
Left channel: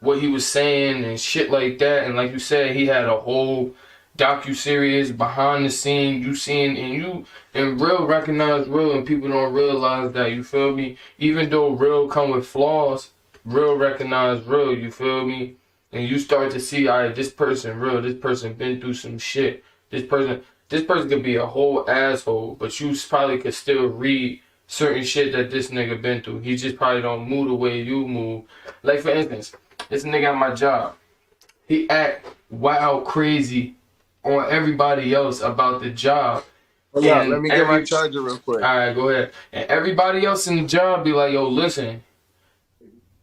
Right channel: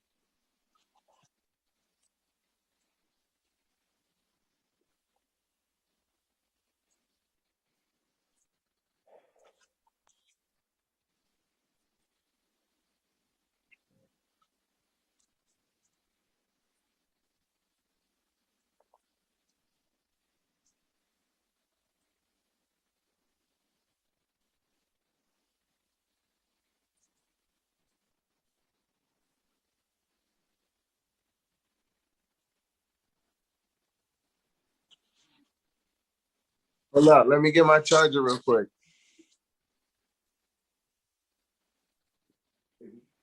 what he was saying and shit like that. And like you said, he had a whole docu-series behind the scene. You seeing and you and real recognize real, and people don't realize that. You feel me? Even though real come with flaws, real recognize real. You feel me? And you start to see, all right, this person real. This person been through some shit. This person, this person could be a whole asshole, but you probably could still read certain shit that this nigga been through. He just probably don't move the way you move. Like for instance, this nigga at my job, he act wild crazy on everybody else about the job. Hold up, let And me get my charger real quick. alright, go ahead. And everybody else in the job be like, yo, listen,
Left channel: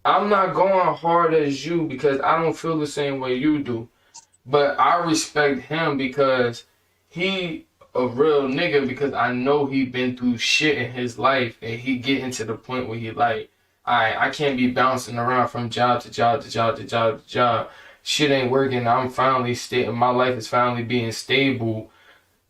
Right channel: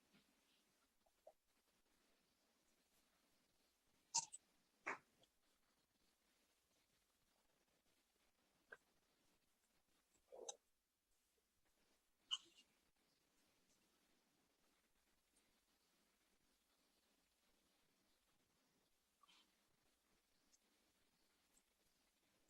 I'm not going hard as you because I don't feel the same way you do. But I respect him because he a real nigga, because I know he been through shit in his life, and he getting to the point where he like, I can't be bouncing around from job to job to job to job to job. Shit ain't working. I'm finally my life is finally being stable.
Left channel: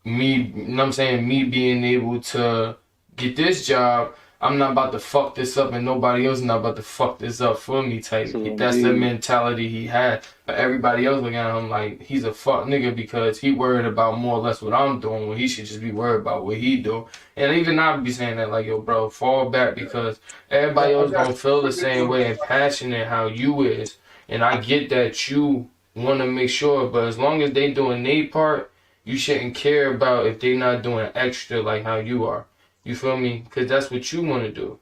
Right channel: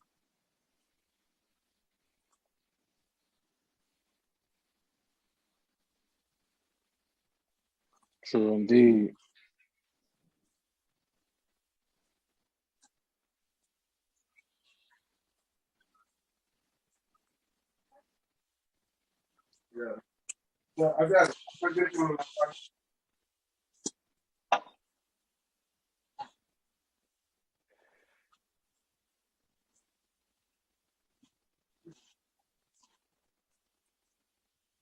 Me, you know what I'm saying? Me being able to get this job, I'm not about to fuck this up, and nobody else not about to fuck this up for me type. True That's the indeed. mentality he had. But everybody else looking at him like he's a fuck nigga because he worried about more or less what I'm doing when he should just be worried about what he do. And even I be saying that like, yo, bro, fall back because everybody Yeah, I else got don't feel the same way and passionate how you is. And I get that you want to make sure, but as long as they doing their part, you shouldn't care about if they not doing extra like how you are. You feel me? Because that's what you want to do.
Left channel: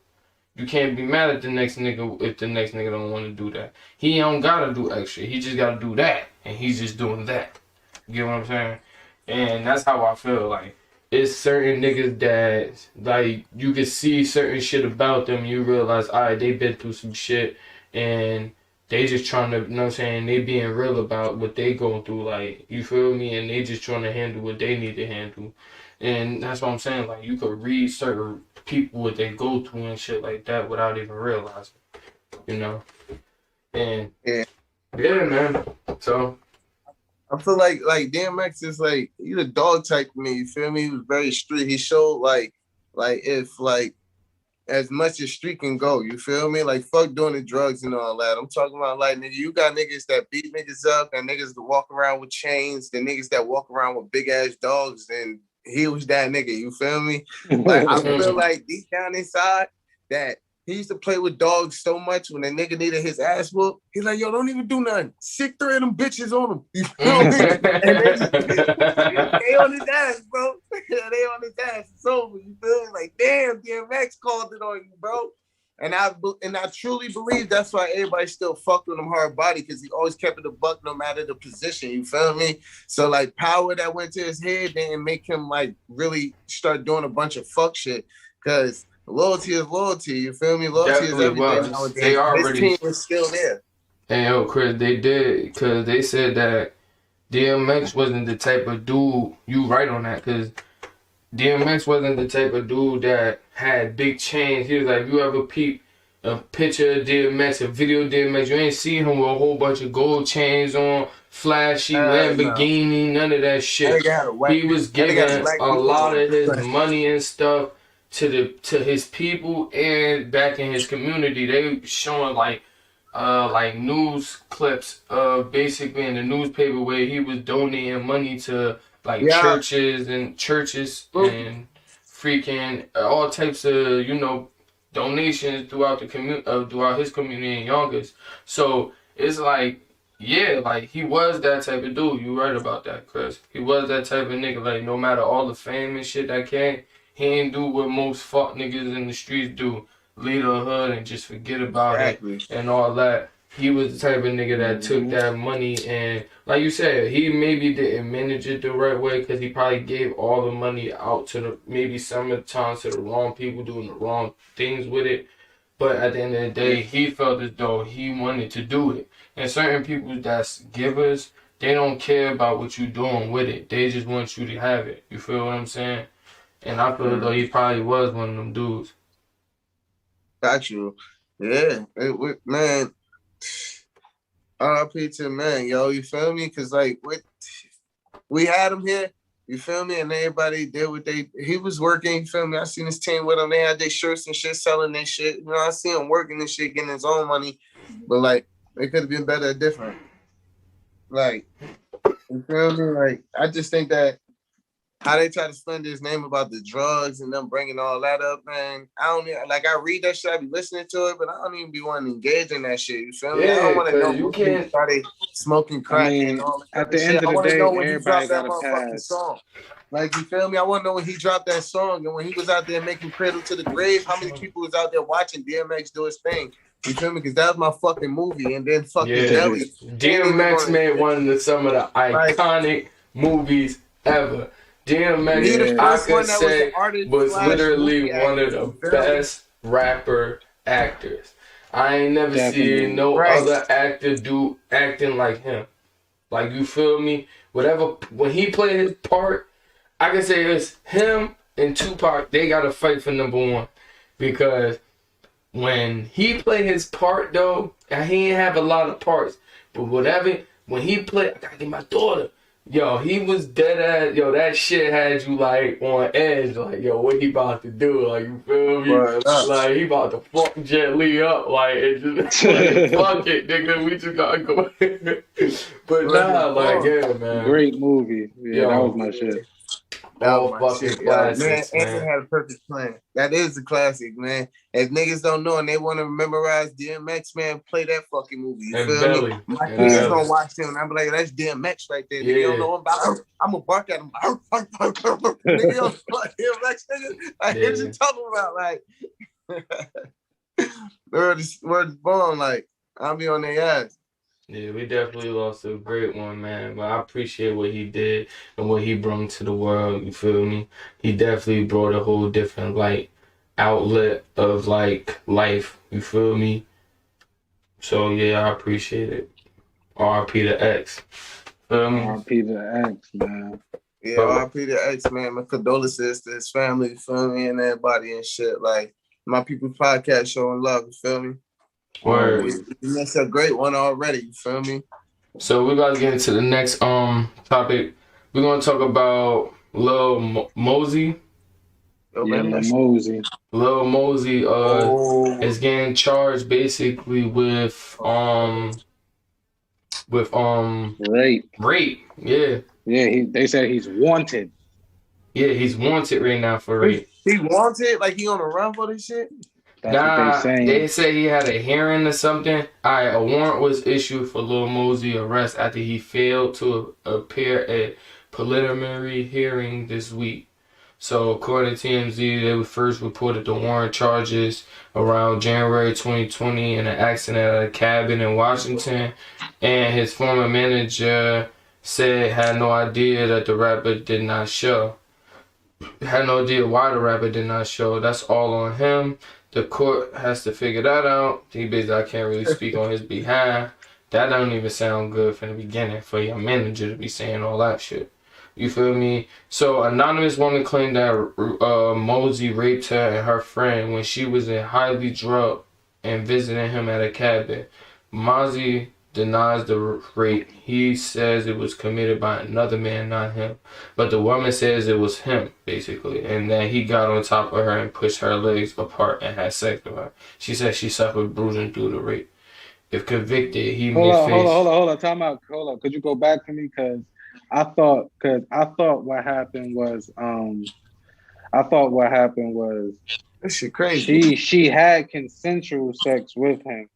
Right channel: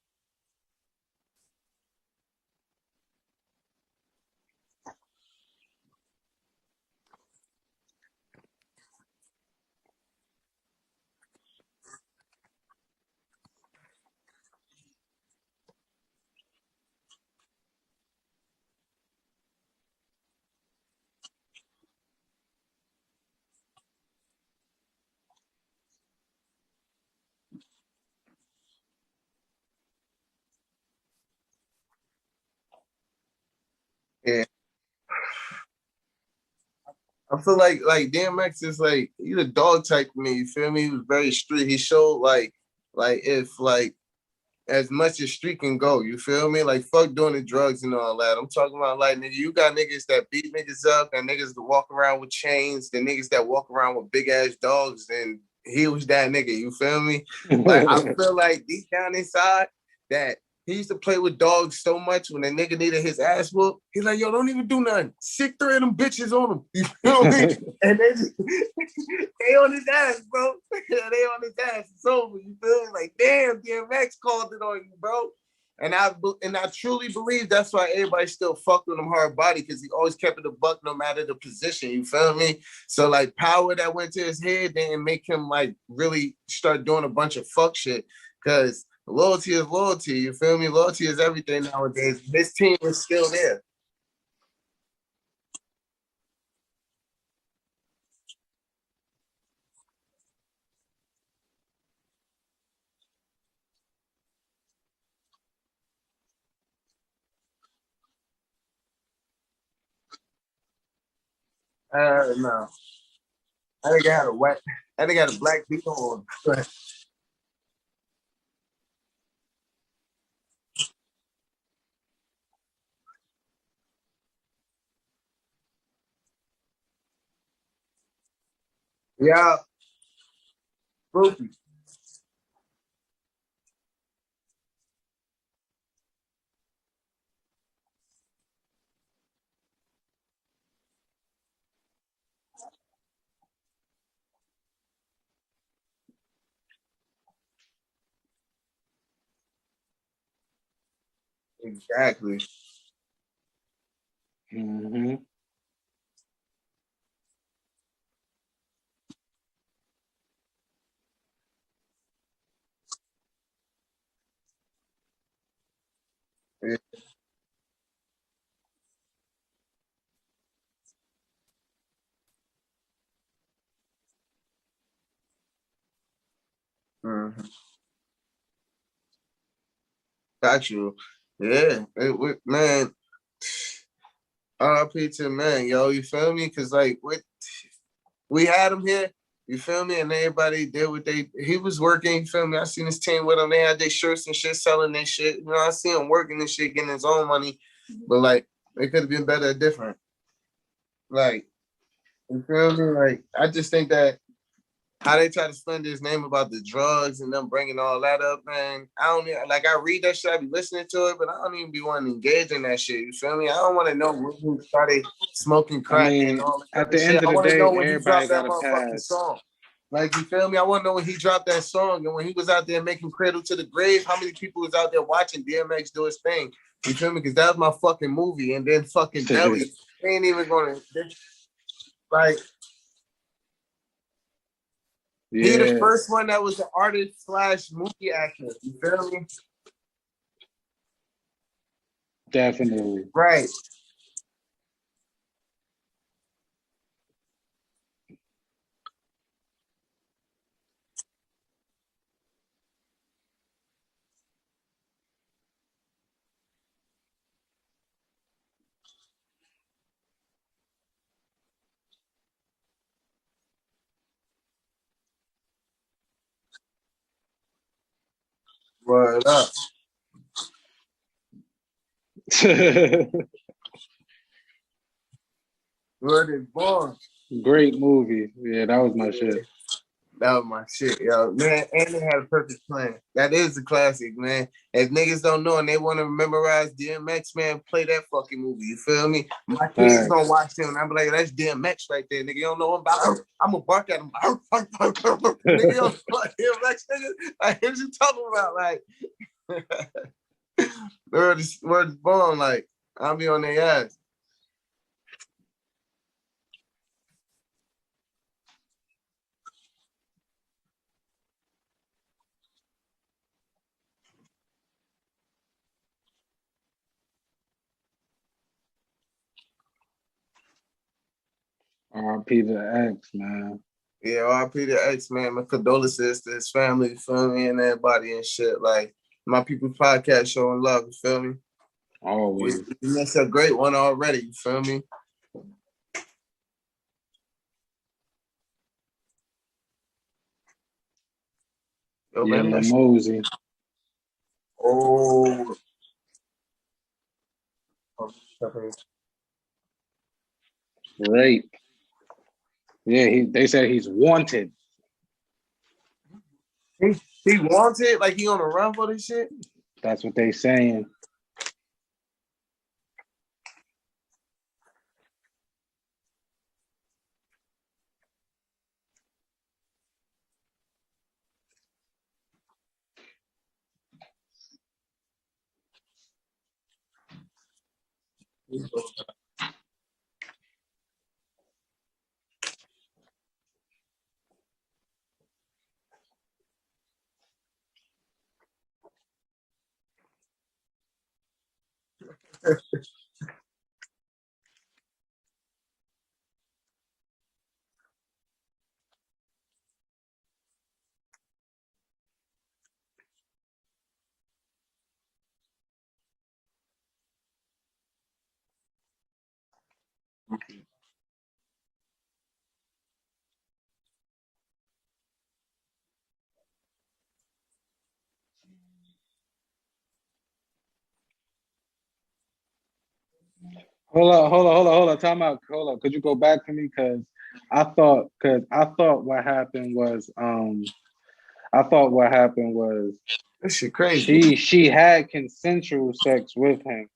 You can't be mad at the next nigga if the next nigga don't want to do that. He don't gotta do extra. He just gotta do that, and he's just doing that. You get what I'm saying? And that's how I feel. Like it's certain niggas that like you can see certain shit about them. And you realize, alright, they been through some shit, and they just trying to, you know what I'm saying? They being real about what they going through. Like you feel me? And they just trying to handle what they need to handle. And that's what I'm saying. Like you could read certain people what they go through and shit like that without even realizing, you know. And Yeah. yeah, man. So I feel like DMX is like he's a dog type to me. You feel me? He was very street. He showed like if like as much as street can go. You feel me? Like fuck doing the drugs and all that. I'm talking about like nigga, you got niggas that beat niggas up and niggas that walk around with chains, the niggas that walk around with big ass dogs, and he was that nigga. You feel me? Like I feel like deep down inside that he used to play with dogs so much when the nigga needed his ass whooped. He's like, yo, don't even do nothing. Sick 3 of them bitches on him. You feel me? And they on his ass, bro. They on his ass. It's over. You feel me? Like, damn, DMX called it on you, bro. And I truly believe that's why everybody still fucked with him hard body, because he always kept it a buck no matter the position. You feel me? So like power that went to his head didn't make him like really start doing a bunch of fuck shit. Because loyalty is loyalty. You feel me? Loyalty is definitely everything was. They nowadays. His already team is still there. and yo, Chris, they did because they said that DMX wasn't the type of dude, you right on that, because DMX wasn't the type of dude that had big chains. He was like, you ever peep a picture of DMX, a video of DMX, you ain't see him with a whole bunch of gold chains on, flashy No. Lamborghini, none of that shit. He was I think I had giving black a people lot on. of his money and stuff to his people and back in his community. They showing like news clips of basically in the newspaper where he was donating money to like Yeah. churches and freaking all types of donations throughout the throughout his community in Yonkers. So it's like, yeah, like he was that type of dude. You right about that, Chris. He was that type of nigga. Like no matter all the fame and shit that came, he ain't do what most fuck niggas in the streets do. Lead a hood and just forget about it and all that. He was the type of nigga that took that money and, like you said, he maybe didn't manage it the right way because he probably gave all the money out to maybe some of the times to the wrong people doing the wrong things with it. But at the end of the day, he felt as though he wanted to do it. And certain people that's givers, they don't care about what you're doing with it. They just want you to have it. You feel what I'm saying? And I feel as though he probably was one of them dudes. Got you. Yeah. Man, R.I.P. to man, yo, you feel me? Because, like, we had him here, you feel me? And everybody did what he was working, you feel me? I seen his team with him. They had their shirts and shit, selling their shit. You know, I see him working and shit, getting his own money. But, like, it could have been better or different. Like, you feel me? Like, I just think that how they try to slander his name about the drugs and them bringing all that up, man. I don't even, like, I read that shit, I be listening to it, but I don't even be wanting to engage in that shit. You feel me? I don't want to know when he started smoking crack and all that at the shit. end of I the want to day, know when he everybody dropped that got a motherfucking pass. song. Like, you feel me? I want to know when he dropped that song and when he was out there making Cradle to the Grave, how many people was out there watching DMX do his thing? You feel me? Because that was my fucking movie. And then fucking Nelly. DMX made one of some of the iconic movies ever. DMX, he the first one that was the artist was literally one of actor, the best rapper actors. I ain't never seen no other actor do acting like him. Like, you feel me? Whatever, when he played his part, I can say it's him and Tupac, they got to fight for number one. Because when he played his part, though, and he didn't have a lot of parts, but whatever, when he played, I gotta get my daughter. Yo, he was dead ass. Yo, that shit had you like on edge. Like, yo, what he about to do? Like, you feel me? Like, he about to fuck Jet Li up. Like, it just like, fuck it, nigga. We just gotta go. But nah, like, yeah, man. Great movie. Yeah, that was my shit. That was my shit, yo. Man, and they had a perfect plan. That is the classic, man. If niggas don't know and they want to memorize DMX, man, play that fucking movie. You feel me? My kids gonna watch him and I'm like, that's DMX right there. Nigga, you don't know him about I'm gonna bark at him. Nigga, you don't know DMX, nigga. Like, what you talking about? Like, word is born, like, I'll be on their ass. Yeah, we definitely lost a great one, man. But I appreciate what he did and what he brought to the world. You feel me? He definitely brought a whole different like outlet of like life. You feel me? So yeah, I appreciate it. R.I.P. to X. R.I.P. to X, man. Yeah, R.I.P. to X, man. My condolences to his family, you feel me, and everybody and shit. Like, My People's Podcast showing love, you feel me? That's a great one already, you feel me? So we're about to get into the next topic. We're gonna talk about Lil Mosey. Mosey. Lil Mosey is getting charged basically with rape. Yeah. Yeah, they said he's wanted. Yeah, he's wanted right now for rape. He wanted? Like he on a run for this shit? That's what they saying. They say he had a hearing or something. A warrant was issued for Lil Mosey arrest after he failed to appear at preliminary hearing this week. So according to TMZ, they first reported the warrant charges around January 2020 in an accident at a cabin in Washington, and his former manager said had no idea that the rapper did not show. Had no idea why the rapper did not show. That's all on him. The court has to figure that out. He basically, I can't really speak on his behalf. That don't even sound good from the beginning for your manager to be saying all that shit. You feel me? So, anonymous woman claimed that Mosey raped her and her friend when she was in highly drugged and visiting him at a cabin. Mosey denies the rape. He says it was committed by another man, not him. But the woman says it was him, basically, and that he got on top of her and pushed her legs apart and had sex with her. She says she suffered bruising through the rape. If convicted, he may face... Hold on. Time out. Hold on. Could you go back to me? Because I thought what happened was That shit crazy. she had consensual sex with him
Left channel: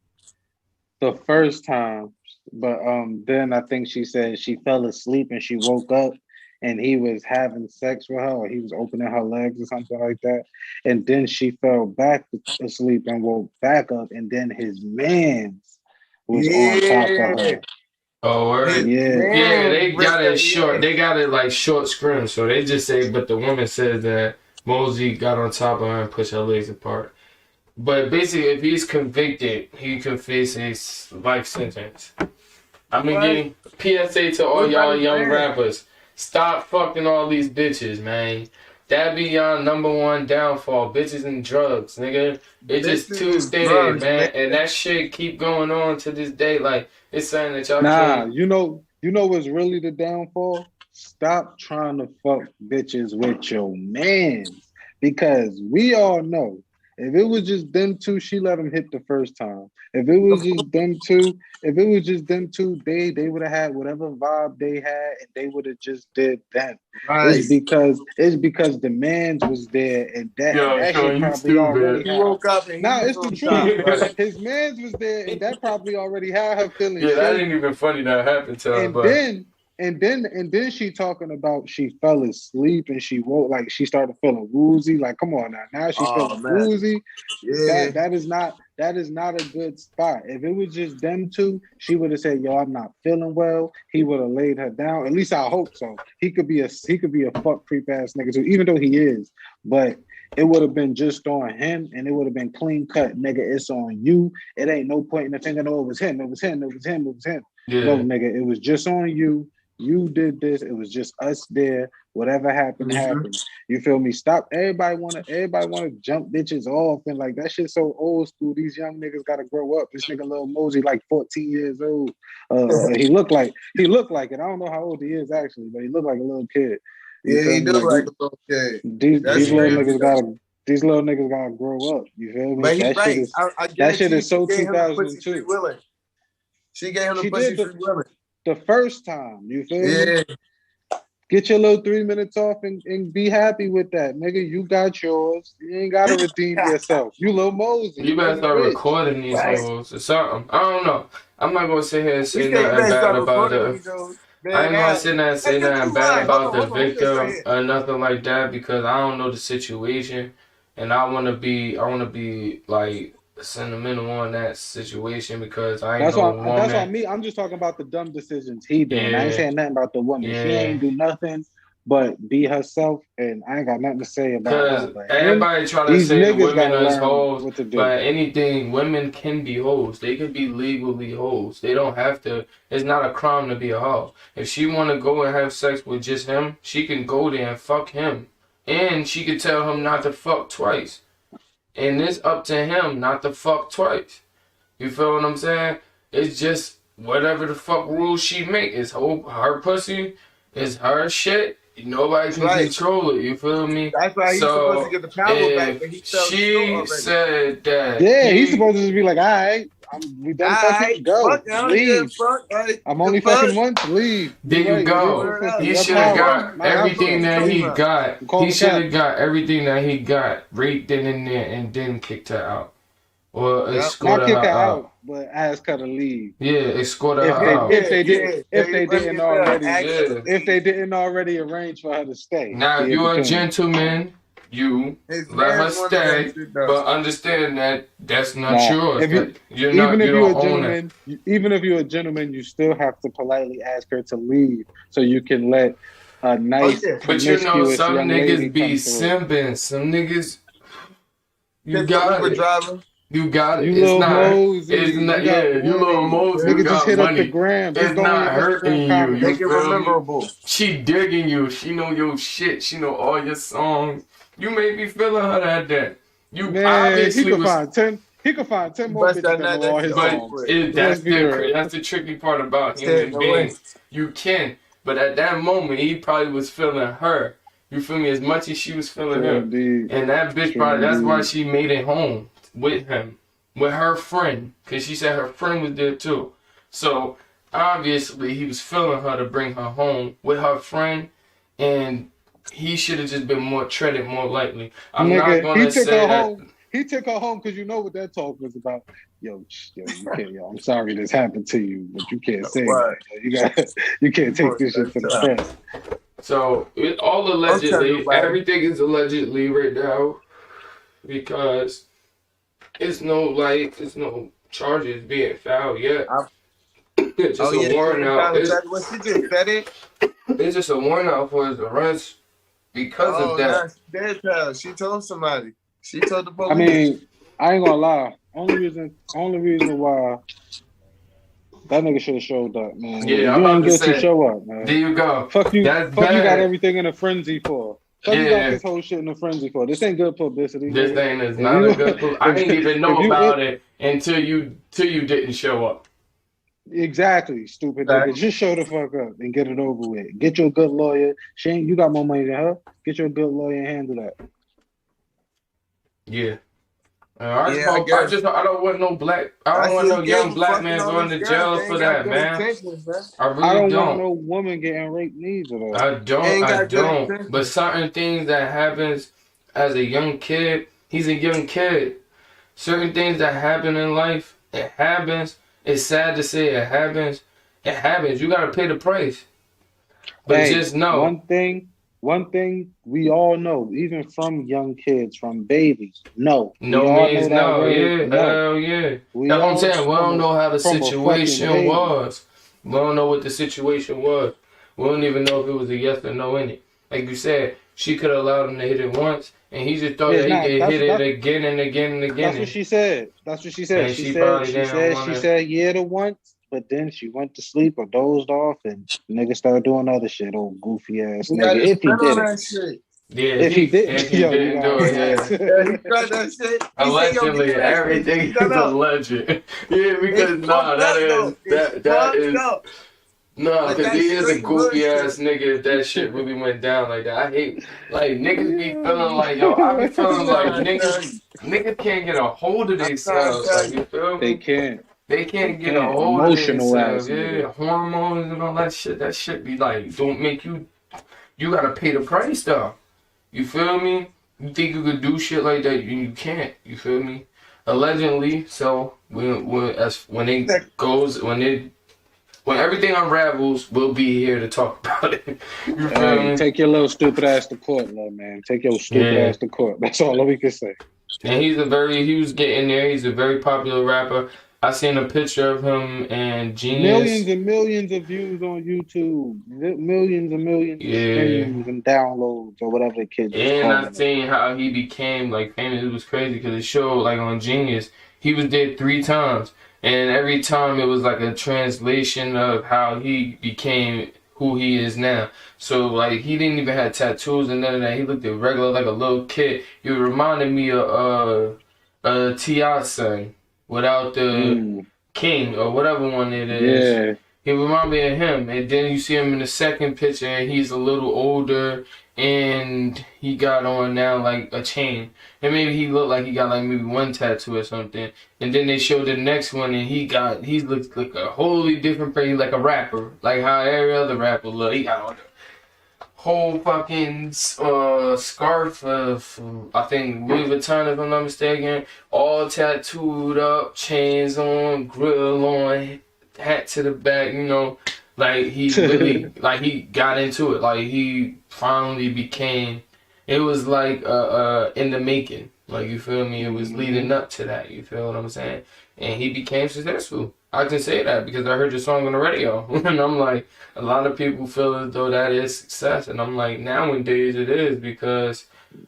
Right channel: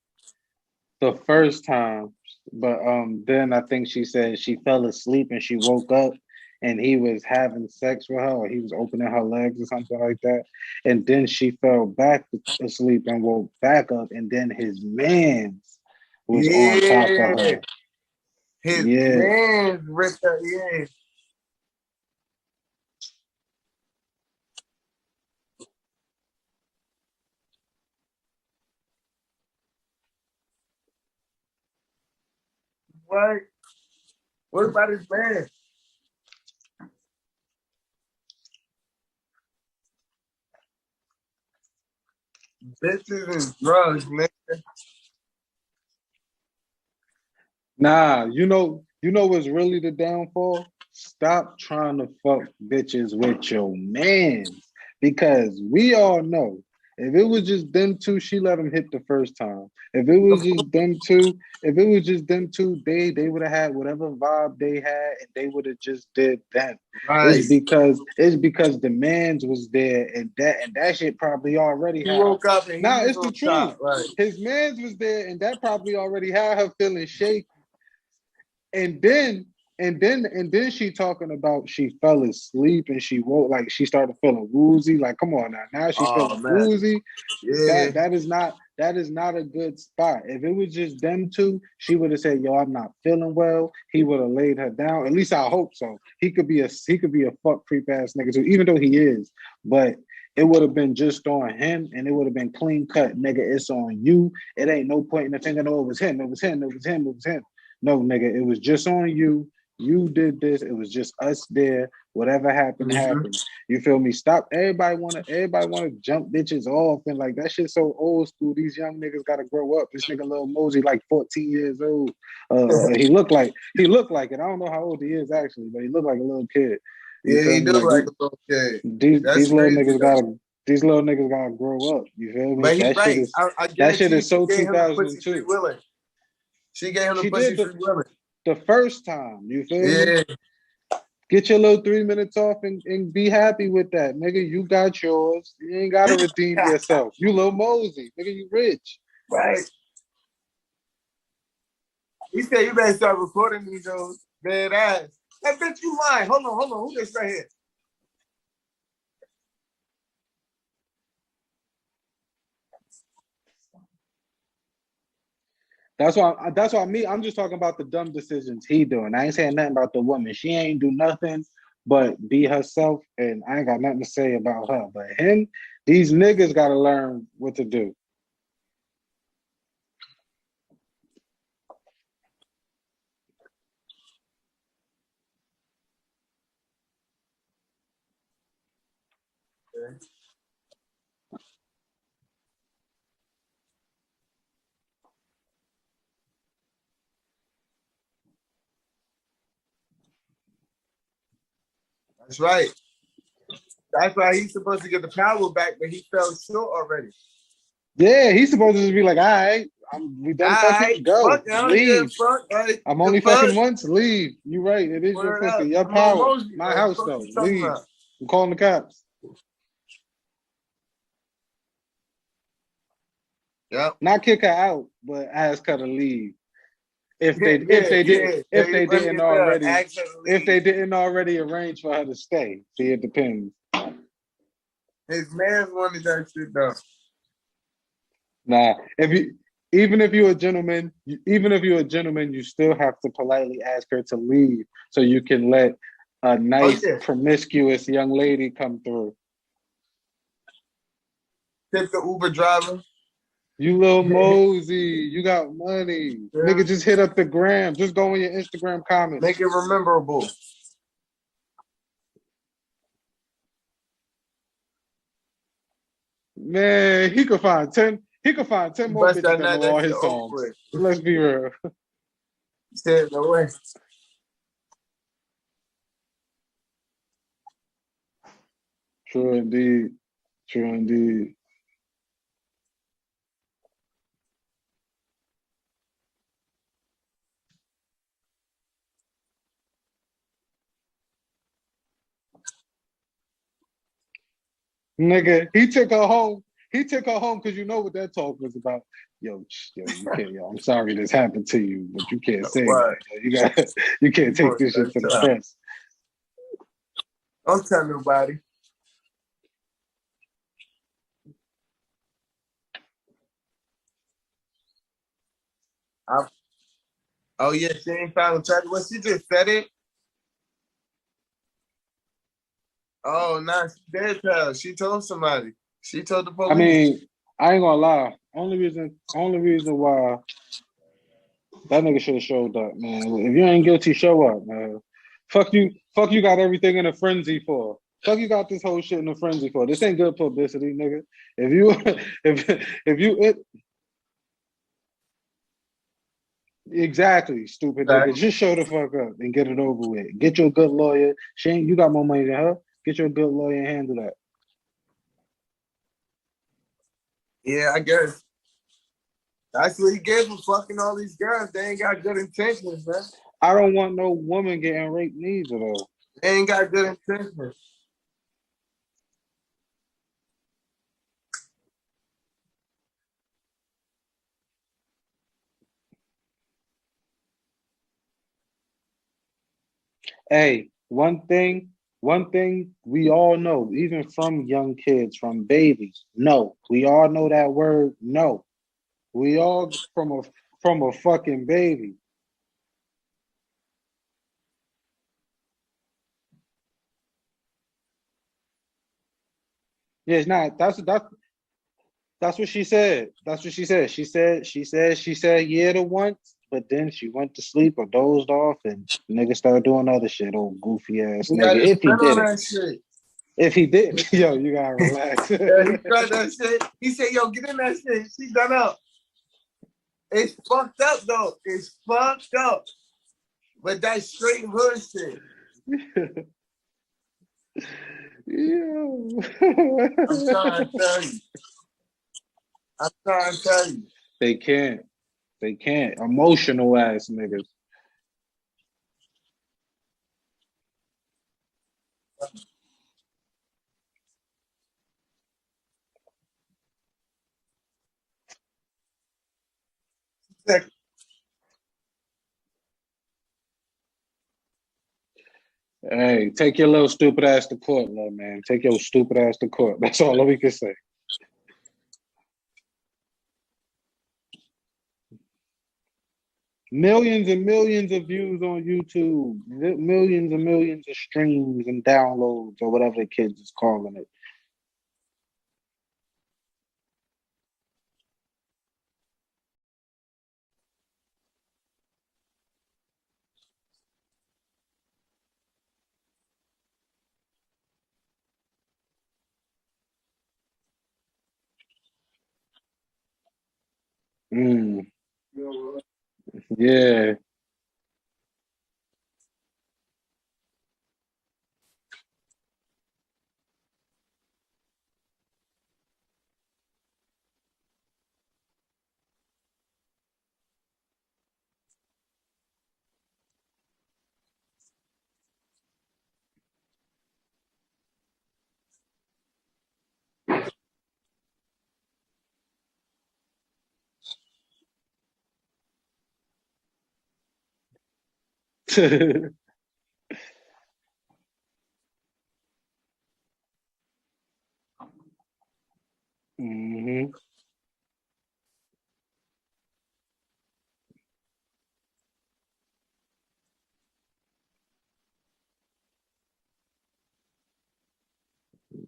the first time, but then I think she said she fell asleep and she woke up and he was having sex with her, or he was opening her legs or something like that, and then she fell back asleep and woke back up, and then his man's was on top of her. Oh, word? Yeah, they got it short. They got it like short scrim. So they just say, but the woman said that Mosey got on top of her and pushed her legs apart. But basically, if he's convicted, he could face a life sentence. I'm gonna give PSA to all y'all young rappers. Stop fucking all these bitches, man. That be y'all number one downfall. Bitches and drugs, nigga. It's just too standard, man. And that shit keep going on to this day. Like, it's saying that y'all can't... you know what's really the downfall? Stop trying to fuck bitches with your mans. Because we all know, if it was just them two, she let him hit the first time. If it was just them two, they would have had whatever vibe they had, and they would have just did that. Right. It's because the man's was there, and that shit probably already had. He woke up and it's the truth. Right. His man's was there, and that probably already had her feeling. Yeah, that ain't even funny that happened to her. And then she talking about she fell asleep and she woke, like she started feeling woozy. Like, come on now she's feeling woozy. Yeah, that is not a good spot. If it was just them two, she would have said, "Yo, I'm not feeling well." He would have laid her down. At least I hope so. He could be a fuck creep ass nigga too, even though he is. But it would have been just on him, and it would have been clean cut, nigga. It's on you. It ain't no point in the finger. No, it was him. Yeah. No, nigga, it was just on you. You did this. It was just us there. Whatever happened, happened. You feel me? Stop. Everybody wanna jump bitches off, and like that shit so old school. These young niggas gotta grow up. This nigga Lil Mosey like 14 years old. He looked like it. I don't know how old he is actually, but he looked like a little kid. Yeah, he do like a little kid. These little niggas gotta grow up. You feel me? But he's right. That shit is so 2002. She gave him the pussy free willing. The first time, you feel me? Get your little 3 minutes off and be happy with that, nigga. You got yours. You ain't gotta redeem yourself. You Lil Mosey. You better start recording these shows or something. I don't know. I'm not gonna sit here and say nothing bad about it. I ain't gonna sit there and say nothing bad about the victim or nothing like that, because I don't know the situation, and I wanna be like sentimental on that situation, because I ain't that's why I'm just talking about the dumb decisions he doing. Yeah. I ain't saying nothing about the woman. Yeah. She ain't do nothing but be herself, and I ain't got nothing to say about her. But everybody try to these say niggas gotta learn hoes, what to do. But anything, women can be hoes. They can be legally hoes. They don't have to. It's not a crime to be a hoe. If she want to go and have sex with just him, she can go there and fuck him, and she can tell him not to fuck twice. And it's up to him not to fuck twice. You feel what I'm saying? It's just whatever the fuck rules she make. It's her pussy. It's her shit. Nobody can control it. You feel me? That's why he's supposed to get the power back, but he fell short already. She said that. Yeah, he's supposed to just be like, all right, we done fucking go. Leave. I'm only fucking once. Leave. There you go. He should have got everything that he got. He should have got everything that he got, raped in there, and then kicked her out. Or not kick her out, but ask her to leave. Yeah, escort her out. If they didn't already arrange for her to stay. Now, if you're a gentleman, you let her stay, but understand that that's not yours. Even if you're a gentleman, you still have to politely ask her to leave so you can let a nice, promiscuous young lady come through. Some niggas, you got Uber driver. You got it. You It's little not. Mosey, It's not. you Yeah, got you little money. Mosey. You Nigga, just got hit up the money. gram. Just It's go in not your hurting Instagram you. comments. Make it Feel me? memorable. She digging you. She know your shit. She know all your songs. You may be feeling her that day. You Man, he obviously could was. find 10. He could find 10 more Bust bitches that that nut, know all that shit his over songs. with. Let's be real. That's the tricky part about Stay in human the way. beings. You can, but at that moment, he probably was feeling her. You feel me? As much as she was feeling True him. indeed. And that bitch True probably, that's why indeed. she made it home with him, with her friend, because she said her friend was there too. So obviously he was feeling her to bring her home with her friend, and he should have just been more treaded more lightly. I'm not Nigga, he gonna took say her that. home. He took her home because you know what that talk was about. Yo, you can't. Yo, I'm sorry this happened to you, but you can't say What? that. You can't take this shit to the press. So it all Don't tell allegedly, nobody. everything is allegedly right now because it's no charges being filed yet. It's just Oh a yeah, she warrant ain't out. found the What she just said it? It's just a warrant out for his arrest because Oh, of that. nah, she dead pal. She told somebody. She told the police. I mean, I ain't gonna lie. Only reason why that nigga should have showed up, man. Yeah, If I'm you about ain't to guilty, say, show up, there man. you go. Fuck you. That's Fuck you. Got bad. everything in a frenzy for. Fuck you got Yeah, this whole shit in a frenzy for. This ain't good publicity, this nigga. thing is If not you, a good. I didn't even know if you about it until you didn't show up. exactly, stupid nigga, Fact. just show the fuck up and get it over with. Get you a good lawyer. Shane, you got more money than her. Get you a good lawyer and handle that. Yeah. Yeah, I guess. I don't want no black. I I don't want see no he gave young him black fucking man all going these to girls. jail They for ain't got that, good man. intentions, man. I I really don't don't. want no woman getting raped neither, though. I don't. Ain't I got good don't. But intentions. certain things that happens as a young kid, he's a young kid. Certain things that happen in life, it happens. It's sad to say it happens. It happens. You gotta pay the price. But Hey, just know, one thing we all know, even from young kids, from babies, no. We no all means know that no. word, Yeah, no. hell yeah. We That's what I'm all saying. We don't know how the from a fucking situation baby. was. We don't know what the situation was. We don't even know if it was a yes or no in it. Like you said, she could have allowed him to hit it once, and he just thought Yeah, that it's he not could hit it again and again and that's what again. she said. That's what she said. And she probably didn't want She to. said yeah to once, but then she went to sleep or dozed off and nigga started doing other shit, old goofy ass He got nigga. his If he spit on did it. that shit. Yeah, If he if did, he yo, you didn't got do it, yeah. Yeah, he tried that shit. He said, yo, give me Allegedly, that shit. everything She done is up. alleged. Yeah, because It's fucked up, though. It's that fucked is up. no, But because he that's is a straight hood goofy ass shit. nigga. If that shit really went down like that, I hate like niggas be feeling like yo. I be I'm feeling like trying to tell you. niggas can't get a hold of I'm trying to themselves. tell Like you. you feel They me? can't. They They can't get a can't. hold of Emotional ass themselves. nigga. Yeah, hormones and all that shit. That shit be like don't make you. You gotta pay the price though. You feel me? You think you could do shit like that? You can't. You feel me? Allegedly, so when everything unravels, we'll be here to talk about it. You feel Hey, me? take your little stupid ass to court, little man. Take your stupid Yeah. ass to court. That's all we can say. And he was getting there. He's a very popular rapper. I seen a picture of him and Genius. Millions and millions of views on YouTube. Millions and millions of streams and downloads or whatever the kids is And I calling it. seen how he became like famous. It was crazy because it showed like on Genius, he was there 3 times, and every time it was like a translation of how he became who he is now. So like he didn't even have tattoos and none of that. He looked at regular like a little kid. He reminded me of T.I. son without the King or whatever one it is. Yeah. He reminded me of him. And then you see him in the second picture and he's a little older and he got on now like a chain. And maybe he looked like he got like maybe 1 tattoo or something. And then they showed the next one and he looks like a wholly different person, like a rapper. Like how every other rapper look. He got on the whole fucking scarf of, I think, Louis Vuitton if I'm not mistaken. All tattooed up, chains on, grill on, hat to the back, you know. Like he really, like he got into it. Like he finally became. It was like in the making. Like you feel me? It was leading up to that. You feel what I'm saying? And he became successful. I can say that because I heard your song on the radio, and I'm like, a lot of people feel as though that is success, and I'm like, nowadays it is because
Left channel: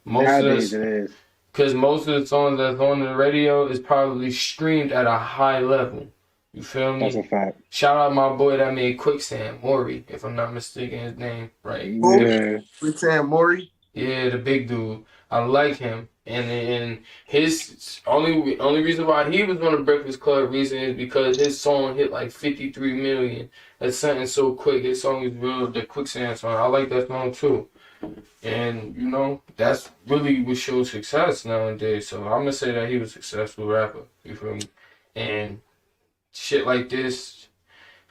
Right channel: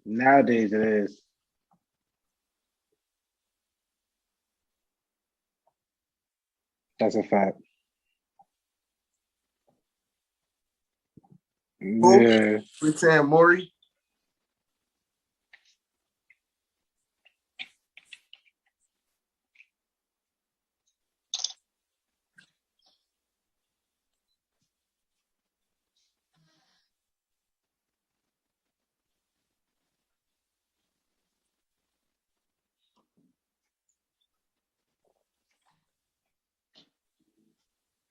Nowadays it is. Because most of the songs that's on the radio is probably streamed at a high level. You feel me? That's a fact. Shout out my boy that made Quicksand, Maury, if I'm not mistaken his name, right? Yeah. Quicksand Maury? Yeah, the big dude. I like him. And his only reason why he was on the Breakfast Club recently is because his song hit like 53 million. That's something so quick. His song is real, the Quicksand song. I like that song too. And, you know, that's really what shows success nowadays. So I'm going to say that he was a successful rapper. You feel me? And shit like this,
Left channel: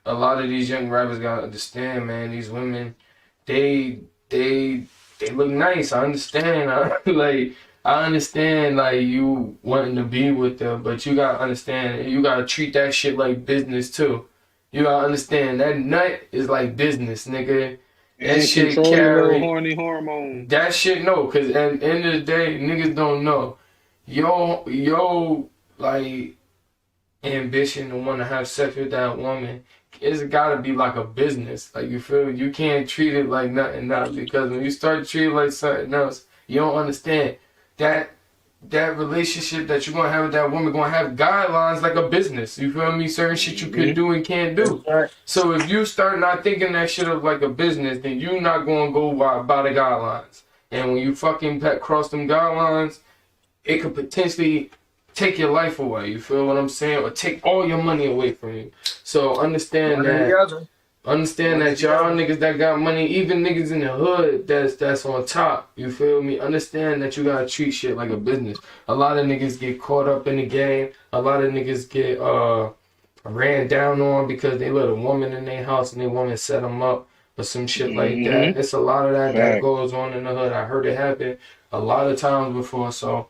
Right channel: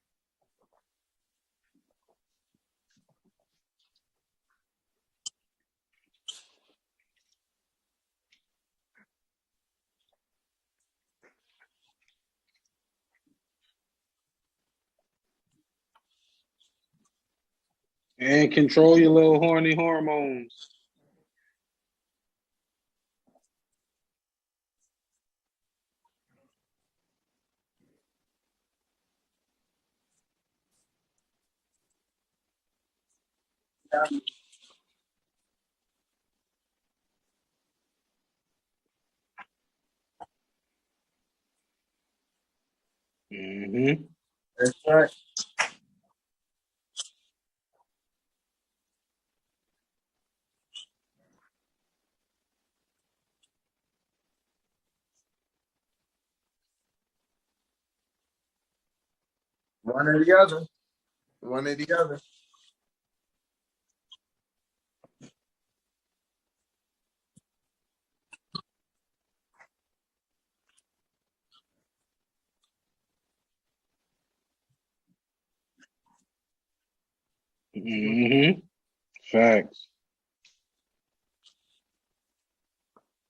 a lot of these young rappers got to understand, man, these women, they look nice. I understand. I understand, like, you wanting to be with them, but you got to understand, you got to treat that shit like business, too. You got to understand, that nut is like business, nigga. And control your little horny hormone. That shit, no, because at the end of the day, niggas don't know. Yo, like, ambition to want to have sex with that woman, it's got to be like a business. Like, you feel me? You can't treat it like nothing else, because when you start treating it like something else, you don't understand that relationship that you're going to have with that woman going to have guidelines like a business. You feel me? Certain shit you can do and can't do. So if you start not thinking that shit of like a business, then you're not going to go by the guidelines. And when you fucking cross them guidelines, it could potentially take your life away. You feel what I'm saying? Or take all your money away from you. So understand that. Understand that y'all niggas that got money, even niggas in the hood that's on top, you feel me? Understand that you gotta treat shit like a business. A lot of niggas get caught up in the game. A lot of niggas get ran down on because they let a woman in their house and they woman set them up or some shit like that. It's a lot of that goes on in the hood. I heard it happen a lot of times before, so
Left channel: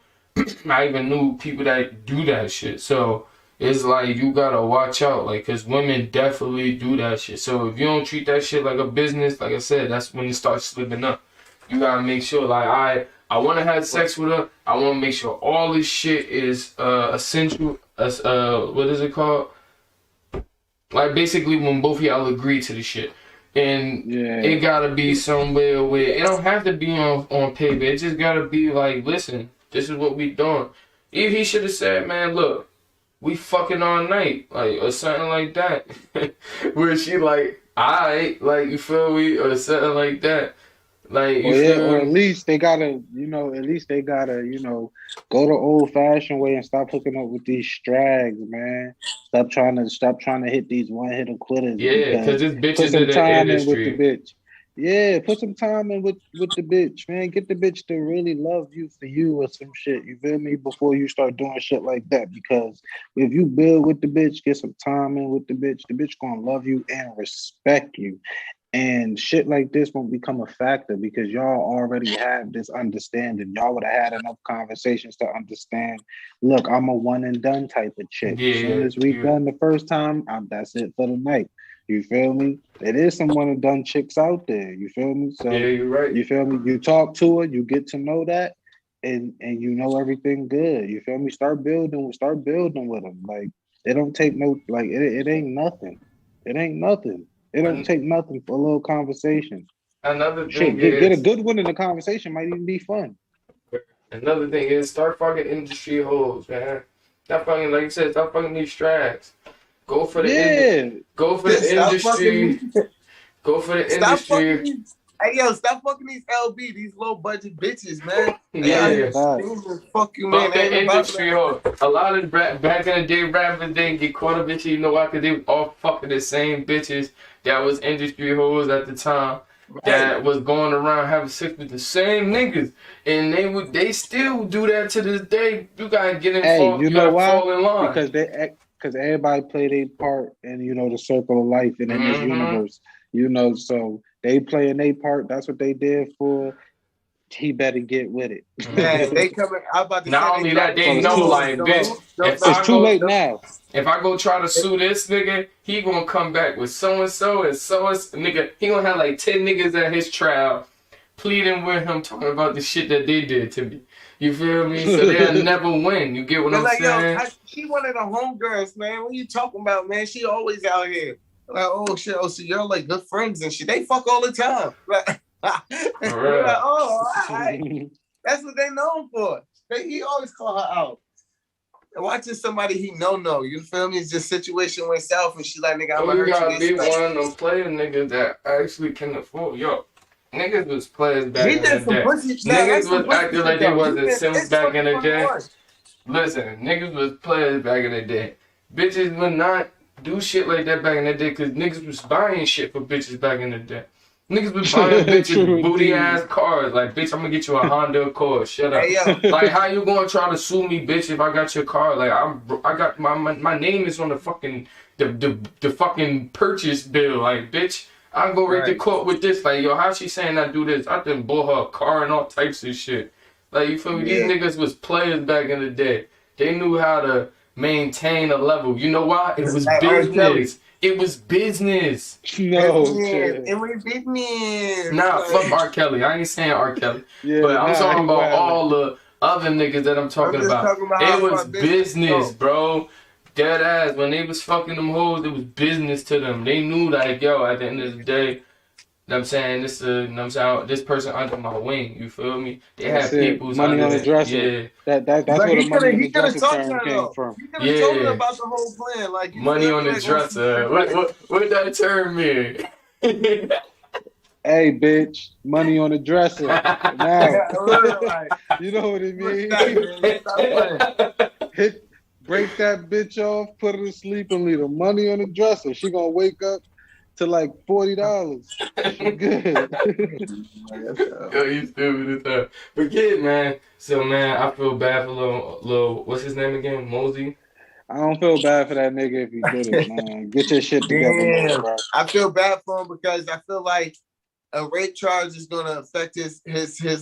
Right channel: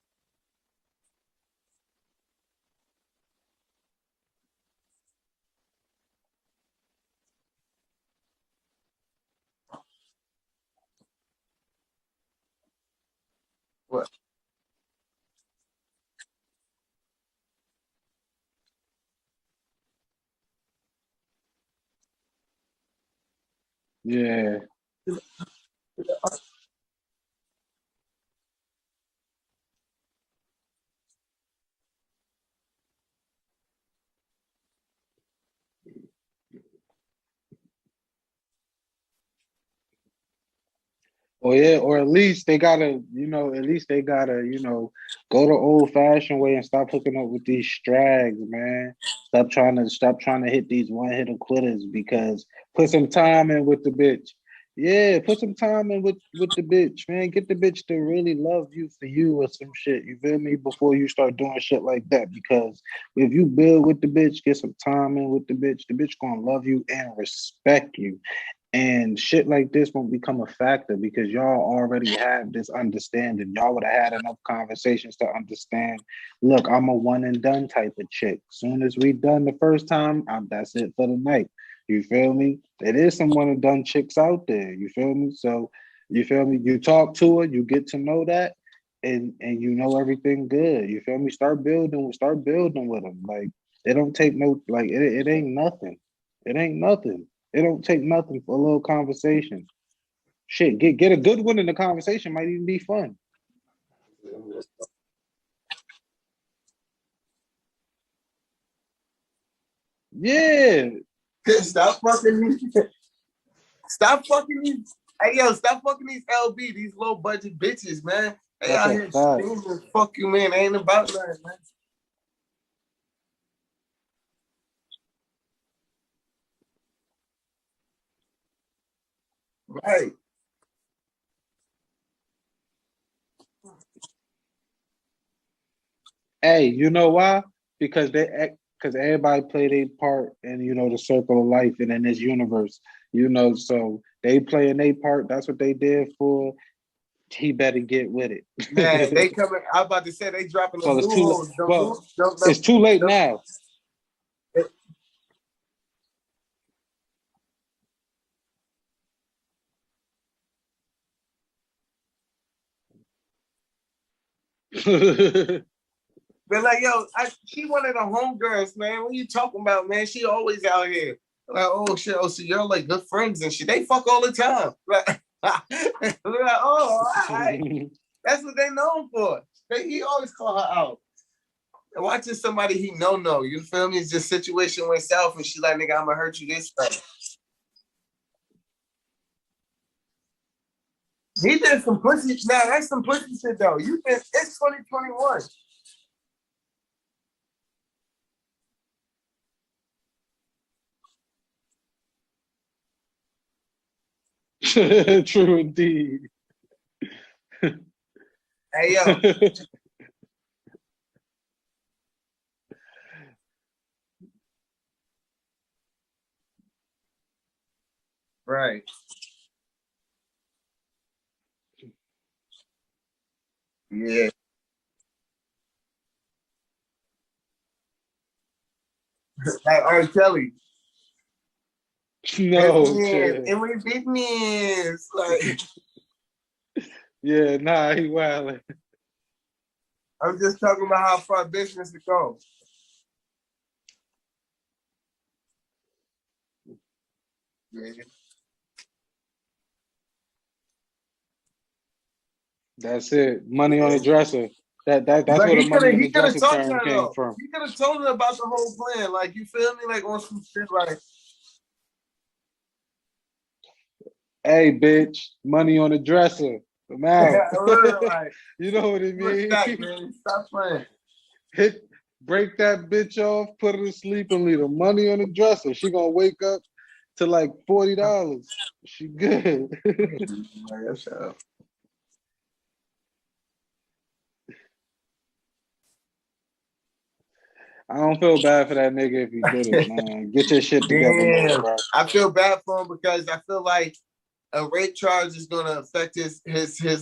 I even knew people that do that shit. So it's like you gotta watch out, like, cause women definitely do that shit. So if you don't treat that shit like a business, like I said, that's when it starts slipping up. You gotta make sure, like, I want to have sex with her. I want to make sure all this shit is essential. What is it called? Like, basically when both of y'all agree to the shit. And it gotta be somewhere where it don't have to be on paper. It just gotta be like, listen, this is what we doing. If he should have said, man, look, we fucking all night, like, or something like that. Where she like, alright, like, you feel me, or something like that. Like, or at least they gotta, go the old fashioned way and stop hooking up with these strags, man. Stop trying to hit these one hitter quitters. Yeah, because this bitch put some time in with the bitch. Yeah, put some time in with the bitch, man. Get the bitch to really love you for you or some shit. You feel me? Before you start doing shit like that. Because if you build with the bitch, get some time in with the bitch gonna love you and respect you. And shit like this won't become a factor because y'all already have this understanding. Y'all would have had enough conversations to understand, look, I'm a one and done type of chick. As soon as we done the first time, that's it for the night. You feel me? There is some one and done chicks out there. You feel me? So you're right. You feel me? You talk to her, you get to know that, and you know everything good. You feel me? Start building with them. Like, it don't take no, like, it ain't nothing. It ain't nothing. It don't take nothing for a little conversation. Another thing get a good one in the conversation might even be fun. Another thing is start fucking industry hoes, man. Stop fucking, like you said, stop fucking these strags. Go for the go for the industry. Go for the industry. Hey, yo, stop fucking these LB, these low budget bitches, man. They out here fuck you, man. Ain't about that. A lot of back in the day, rappers didn't get caught up in shit. You know why? Because they was all fucking the same bitches that was industry hoes at the time. That was going around having sex with the same niggas, and they still do that to this day. You gotta get in. Hey, you know why? Because everybody play their part in the circle of life and in this universe. So they playing their part. That's what they did for. He better get with it. Man, they coming. I'm about to say it's too late now. If I go try to sue this nigga, he gonna come back with so and so nigga. He gonna have like 10 niggas at his trial pleading with him, talking about the shit that they did to me. You feel me? So they'll never win. You get what I'm saying? Yo, she one of the homegirls, man. What you talking about, man? She always out here. Like, oh shit, so y'all like good friends and shit. They fuck all the time. Like, we're like, oh, all right. That's what they known for. He always call her out. And watching somebody he know, you feel me? It's just situation went south and she like, nigga, I'm So gonna you hurt you gotta this be way. one of them player niggas that actually can afford. Yo, niggas was players back He in the did some day. pussy. Nah, Niggas that's some was pussy acting shit like they though. wasn't Sims It's back in the day. 2021. Listen, niggas was players back in the day. Bitches would not do shit like that back in the day because niggas was buying shit for bitches back in the day. Niggas was buying bitches True booty indeed. ass cars. Like, bitch, I'm gonna get you a Honda Accord. Shut up. Hey yo, Like, how you gonna try to sue me, bitch, if I got your car? Like, I got my name is on the fucking the fucking purchase bill. Like, bitch, I go right to right. court with this. Like, yo, how she saying I do this? I done bought her a car and all types of shit. Like, you feel me? Yeah. These niggas was players back in the day. They knew how to maintain a level. You know why? It was Like R. Kelly. business. It was business. No, Business. shit. And we business. Nah, Like, fuck R. Kelly. I ain't saying R. Kelly. Yeah, But I'm talking he about wildin'. all the other niggas that I'm I'm talking just about. talking about how It was far business business, go. bro. Dead ass. When they was fucking them hoes, it was business to them. They knew like, yo, at the end of the day, I'm saying this person under my wing. You feel me? They That's had it. people's Money under. on the dresser. Yeah, That's But where the he money could on the he could have dresser talked to term her came though. from. He could have told her yeah. about the whole plan. Like you Money feel on me? the Like on some dresser. shit, like What that term mean? Hey, bitch, money on the dresser. Now, like, you know what it what's that, means. man? Stop playing. Break that bitch off, put her to sleep, and leave the money on the dresser. She gonna wake up to like $40. She good. Yo, you stupid as hell. But yeah, man. So man, I feel bad for little what's his name again? Mosey. I don't feel bad for that nigga if he did it, man. Get your shit together, little Damn. bro. I feel bad for him because I feel like a rape charge is gonna affect his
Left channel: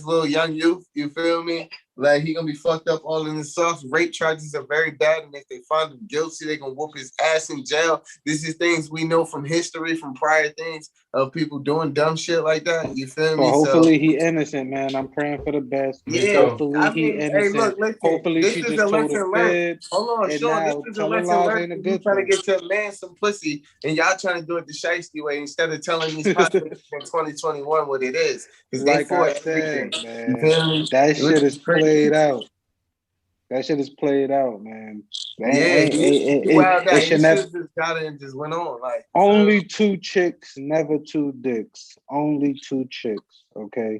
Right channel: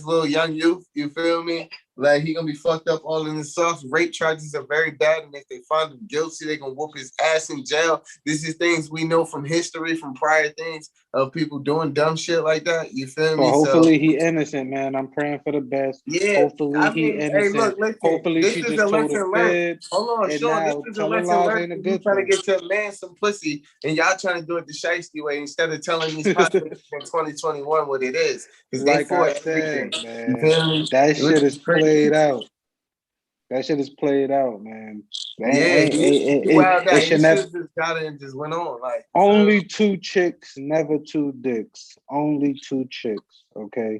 little young youth. You feel me? Like he gonna be fucked up all in the sauce. Rape charges are very bad, and if they find him guilty, they gonna whoop his ass in jail. This is things we know from history, from prior things of people doing dumb shit like that. You feel me? But hopefully he innocent, man. I'm praying for the best. Yeah, Hopefully I he mean, hey, innocent. look, listen. Hopefully This she is a just told a lesson learned. fib, Hold on, and Sean. This now is a telling lesson lies learned. ain't a If you good trying to thing. get your man some pussy, and y'all trying to do it the shiesty way instead of telling these hot niggas in 2021 what it is, because they Like for I everything. said, You man, feel me? that shit is Crazy. played out. That shit is played out, man. Yeah, he wild out. It He should should never. have just got it and just went on. Like Only two chicks, never two dicks. Only two chicks. Okay.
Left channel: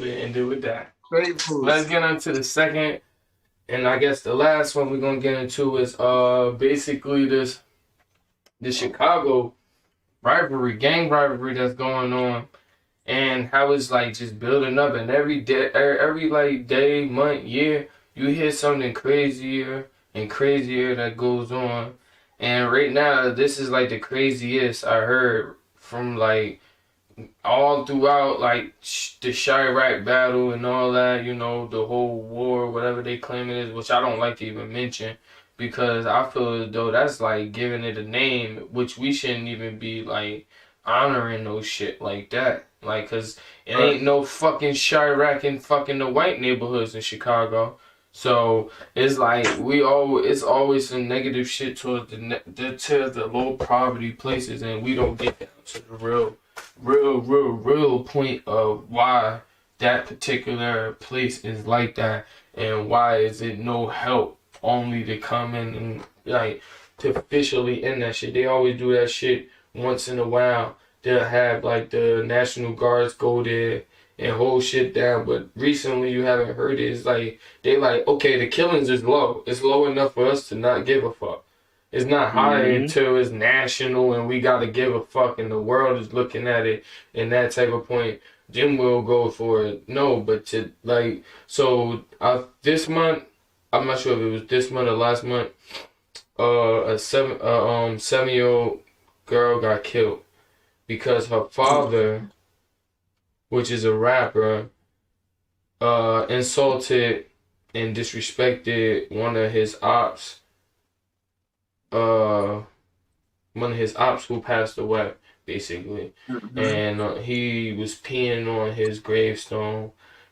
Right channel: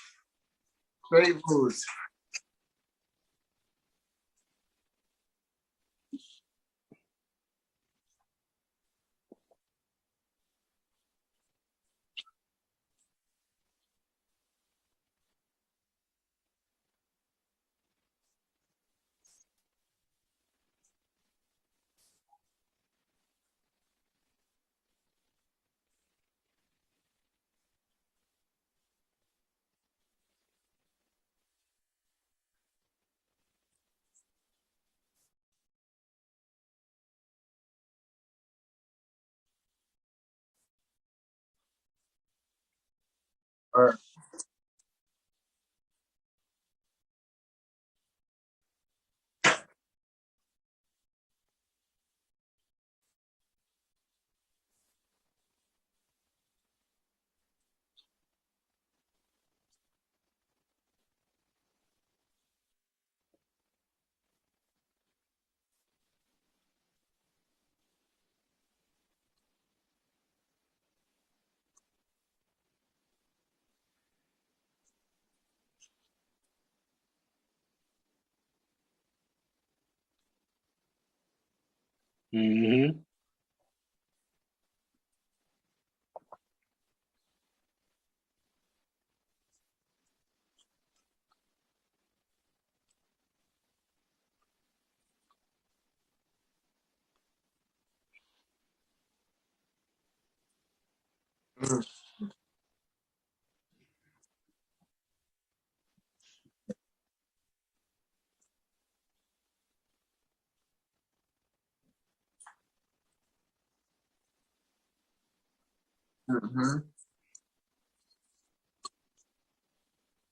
We ended with that. straight foods. Let's get on to the second, and I guess the last one we're gonna get into is basically this Chicago rivalry, gang rivalry that's going on, and how it's like just building up, and every day, every like day, month, year, you hear something crazier and crazier that goes on. And right now, this is like the craziest I heard from like all throughout like the Chirac battle and all that, you know, the whole war, whatever they claim it is, which I don't like to even mention because I feel as though that's like giving it a name, which we shouldn't even be like honoring no shit like that. Like, cause it ain't no fucking Chirac in fucking the white neighborhoods in Chicago. So it's like it's always some negative shit towards the low poverty places, and we don't get down to the real point of why that particular place is like that, and why is it no help only to come in and like to officially end that shit. They always do that shit once in a while. They'll have like the National Guards go there and hold shit down, but recently you haven't heard it. It's like they like, okay, the killings is low. It's low enough for us to not give a fuck. It's not high until it's national and we gotta give a fuck and the world is looking at it and that type of point. Then we'll go for it. No, but to like, so this month, I'm not sure if it was this month or last month. A 7-year-old girl got killed because her father, which is a rapper, insulted and disrespected one of his ops who passed away, basically. And he was peeing on his gravestone,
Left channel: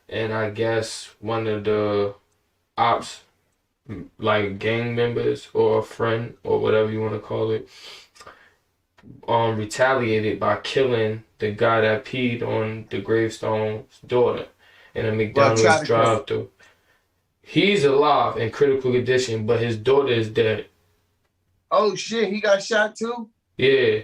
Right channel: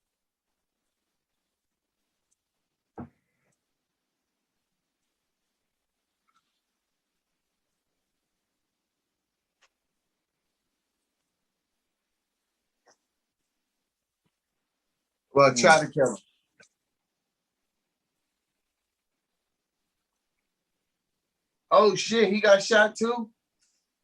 and I guess one of the ops, like gang members or a friend or whatever you want to call it, retaliated by killing the guy that peed on the gravestone's daughter. in a Well, try McDonald's to kill him. drive-thru. He's alive in critical condition, but his daughter is dead. Oh shit, he got shot too? Yeah.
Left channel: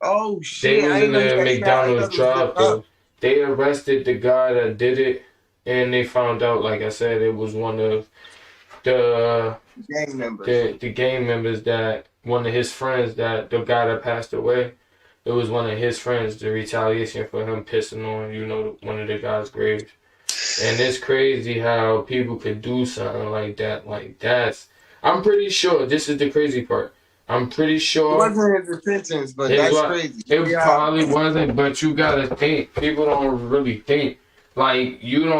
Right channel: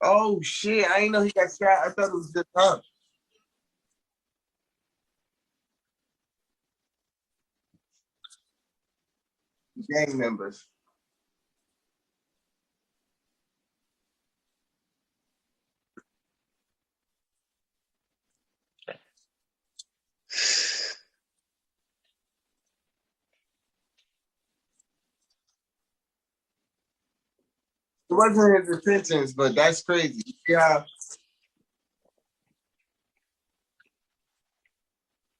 Oh They shit, was I didn't in know he the got shot. I McDonald's thought it was the cop. drive-thru. They arrested the guy that did it, and they found out, like I said, it was one of the Gang members. the gang members, that one of his friends, that the guy that passed away. It was one of his friends, the retaliation for him pissing on, one of the guy's graves. And it's crazy how people could do something like that. I'm pretty sure, this is the crazy part. I'm pretty It sure wasn't his intentions, but that's crazy. it Yeah. probably wasn't, but you gotta think. People don't really think. Like, you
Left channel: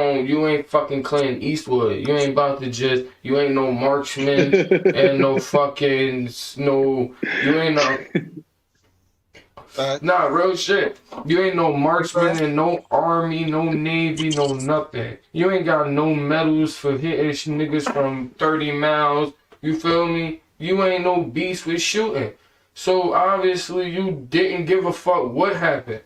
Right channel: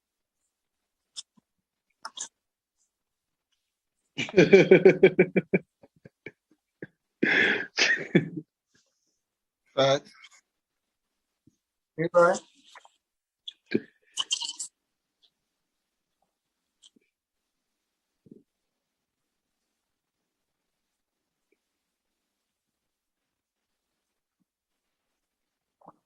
ain't fucking Clint Eastwood. You ain't about to you ain't no marksman and no fucking, you ain't no, nah, real shit. You ain't no marksman and no army, no navy, no nothing. You ain't got no medals for hitting niggas from 30 miles. You feel me? You ain't no beast with shooting. So obviously you didn't give a fuck what happened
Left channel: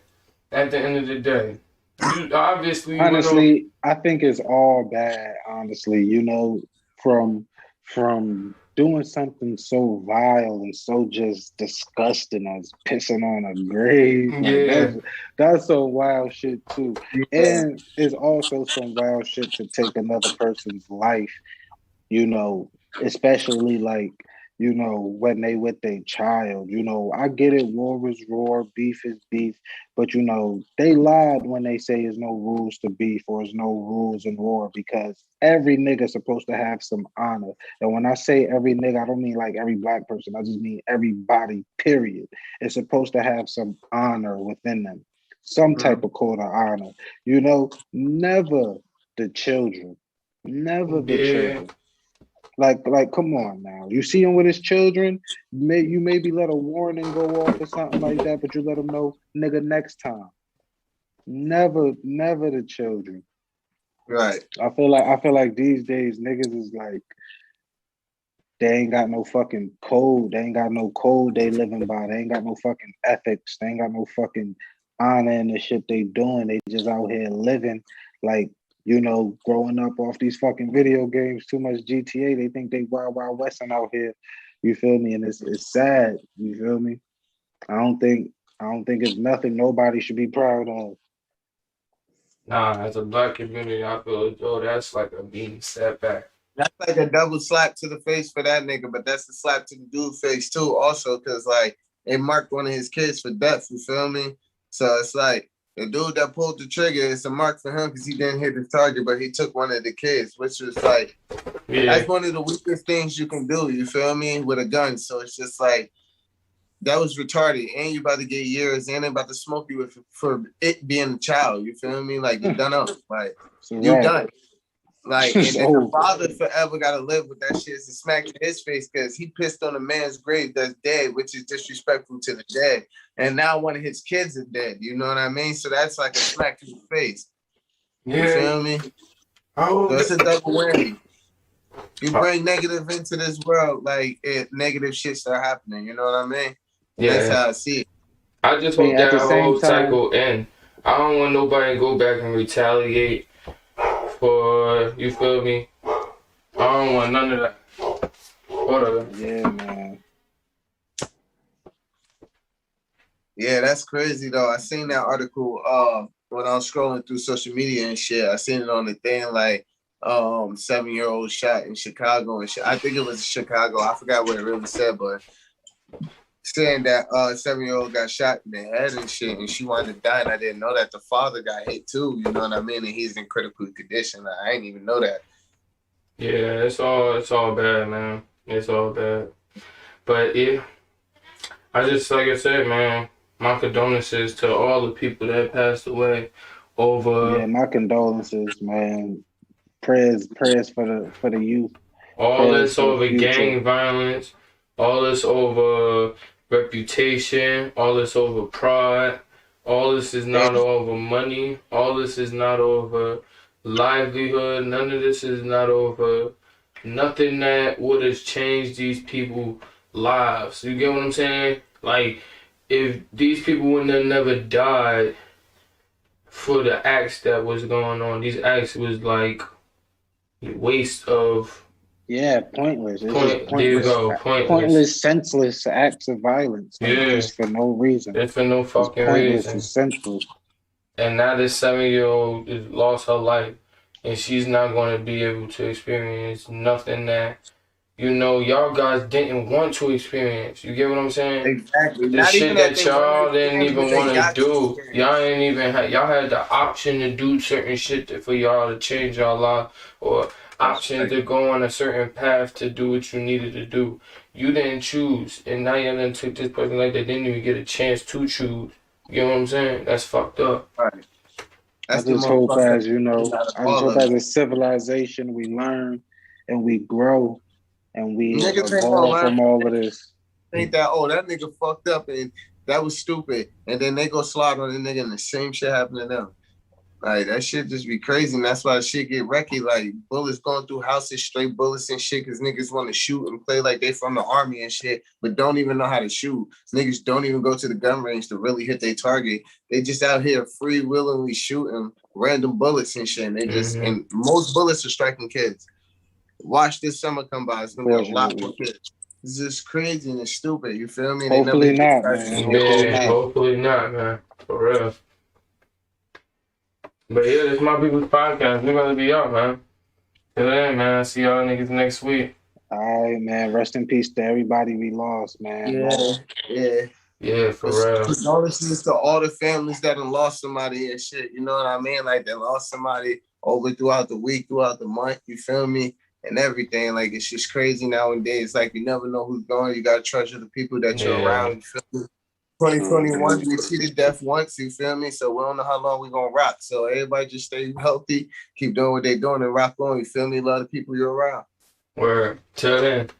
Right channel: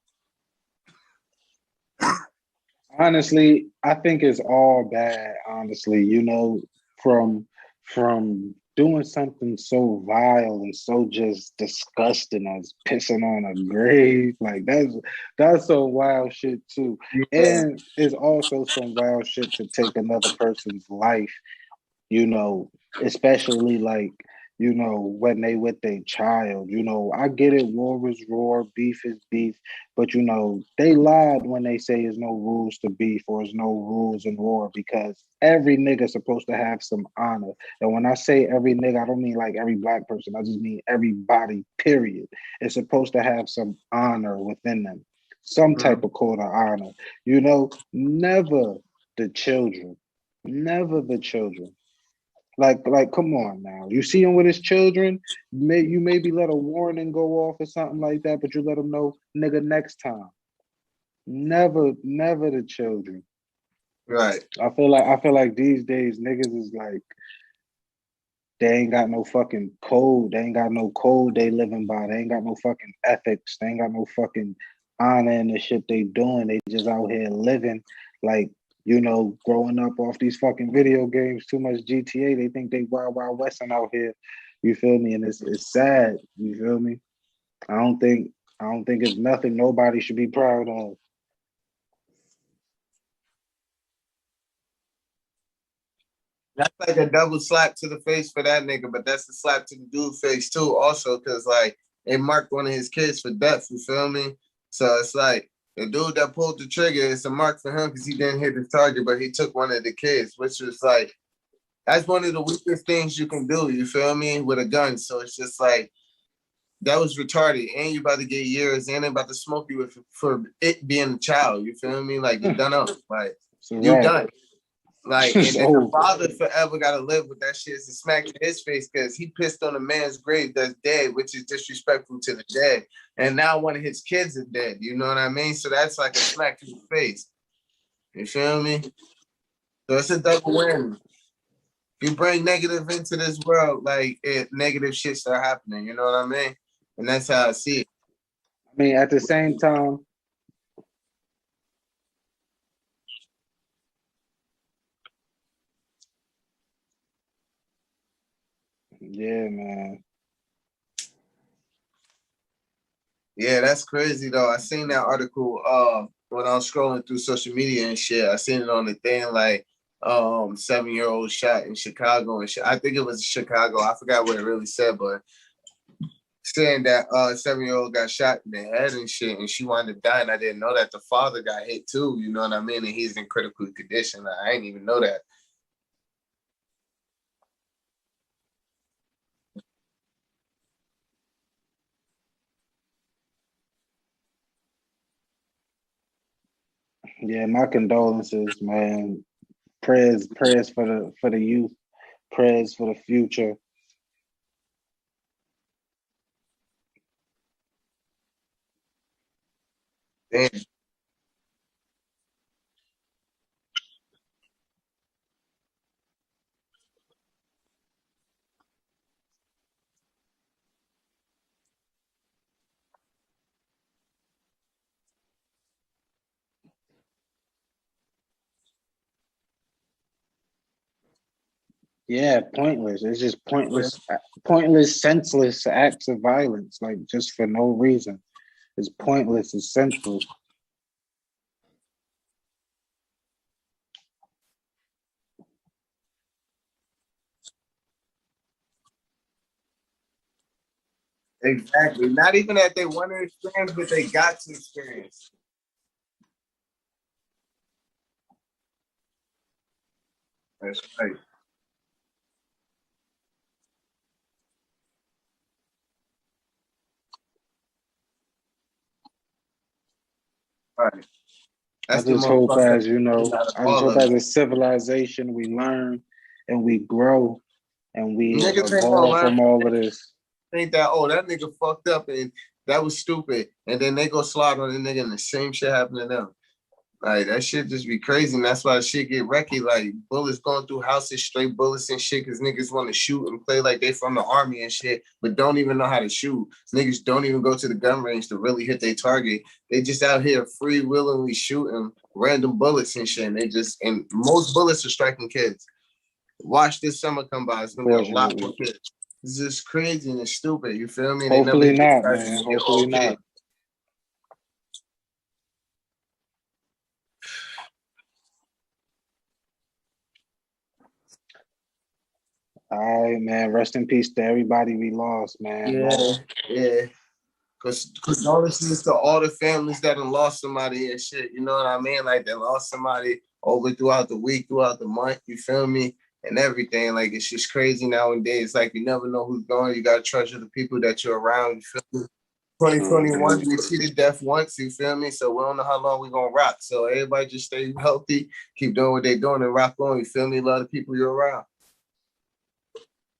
at the end of the day. You obviously Honestly, I think it's all bad. Honestly, from doing something so vile and so just disgusting as pissing on a grave, like yeah. that's some wild shit too. Yeah. And it's also some wild shit to take another person's life, especially like, when they with their child. I get it, war is war, beef is beef, but they lied when they say there's no rules to beef or there's no rules in war, because every nigga's supposed to have some honor. And when I say every nigga, I don't mean like every black person, I just mean everybody, period. It's supposed to have some honor within them, some type of code of honor. Never the children. Never the Yeah. children. Like, come on now. You see him with his children, you maybe let a warning go off or something like that, but you let him know, nigga, next time. Never the children. Right. I feel like these days niggas is like, they ain't got no fucking code. They ain't got no code they living by. They ain't got no fucking ethics. They ain't got no fucking honor in the shit they doing. They just out here living like, growing up off these fucking video games, too much GTA. They think they wild western out here. You feel me? And it's sad. You feel me? I don't think it's nothing nobody should be proud of. Nah, as a black community, I feel as though that's like a being setback. That's like a double slap to the face for that nigga, but that's a slap to the dude's face too, also, because like it marked one of his kids for death. You feel me? So it's like the dude that pulled the trigger, it's a mark for him because he didn't hit his target, but he took one of the kids, which was like, that's one of the weakest things you can do. You feel me? With a gun. So it's just like, that was retarded, and you about to get years, and they about to smoke you for it being a child. You feel me? Like, you done up. Like, you done. Like, and then the father forever got to live with that shit. It's a smack to his face because he pissed on a man's grave that's dead, which is disrespectful to the dead. And now one of his kids is dead. You know what I mean? So that's like a smack to the face. You feel me? So it's a double whammy. You bring negative into this world, like negative shit start happening. You know what I mean? And that's how I see it. I just hope that whole cycle end. I don't want nobody to go back and retaliate for, you feel me? I don't want none of that. Whatever. Yeah, man. Yeah, that's crazy though. I seen that article when I was scrolling through social media and shit. I seen it on the thing like 7-year-old shot in Chicago and shit. I think it was Chicago. I forgot what it really said, but saying that 7-year-old got shot in the head and shit, and she wanted to die, and I didn't know that the father got hit too. You know what I mean? And he's in critical condition. I didn't even know that. Yeah, it's all bad, man. It's all bad. But yeah, I just, like I said, man, my condolences to all the people that passed away over. Yeah, my condolences, man. Prayers for the youth. All this over gang violence, all this over reputation, all this over pride, all this is not over money, all this is not over livelihood, none of this is not over nothing that would have changed these people's lives. You get what I'm saying? Like, if these people wouldn't have never died for the acts that was going on. These acts was like waste of. Yeah, pointless. It's just There you pointless, go. pointless, senseless acts of violence, like Yeah. just for no reason. It's for no It's fucking pointless. reason. It's senseless. And now this 7-year-old lost her life, and she's not going to be able to experience nothing that, you know, y'all guys didn't want to experience. You get what I'm saying? Exactly. The Not shit even that that they want to y'all didn't experience, but even they want to got to do. experience. Y'all ain't even y'all had the option to do certain shit for y'all to change y'all life, or option to go on a certain path to do what you needed to do. You didn't choose, and now y'all done took this person like they didn't even get a chance to choose. You know what I'm saying? That's fucked up. Right. I just hope as, you know, I just hope as a it. civilization we learn and we grow and we Niggas ain't gonna evolve learn. from all of this. Think that, oh, that nigga fucked up and that was stupid. And then they go slide on the nigga and the same shit happen to them. Like, that shit just be crazy. And that's why shit get wrecky. Like, bullets going through houses, straight bullets and shit, because niggas want to shoot and play like they from the army and shit, but don't even know how to shoot. Niggas don't even go to the gun range to really hit their target. They just out here free willingly shooting random bullets and shit. And they just, and most bullets are striking kids. Watch this summer come by. It's going to be a lot more kids. It's just crazy and it's stupid. You feel me? Hopefully not, man. Hopefully not. Hopefully not, man. For real. But yeah, this is My People's Podcast. We're going to be up, man. Till then, man. See y'all niggas next week. All right, man. Rest in peace to everybody we lost, man. Yeah, for real. Condolences to all the families that have lost somebody and shit. You know what I mean? Like, they lost somebody over throughout the week, throughout the month. You feel me? And everything. Like, it's just crazy nowadays. Like, you never know who's going. You got to treasure the people that you're around. You feel me? 2021, we cheated death once, you feel me? So we don't know how long we're going to rock. So everybody just stay healthy, keep doing what they're doing and rock on, you feel me? Love the people you're around. Word. Till then.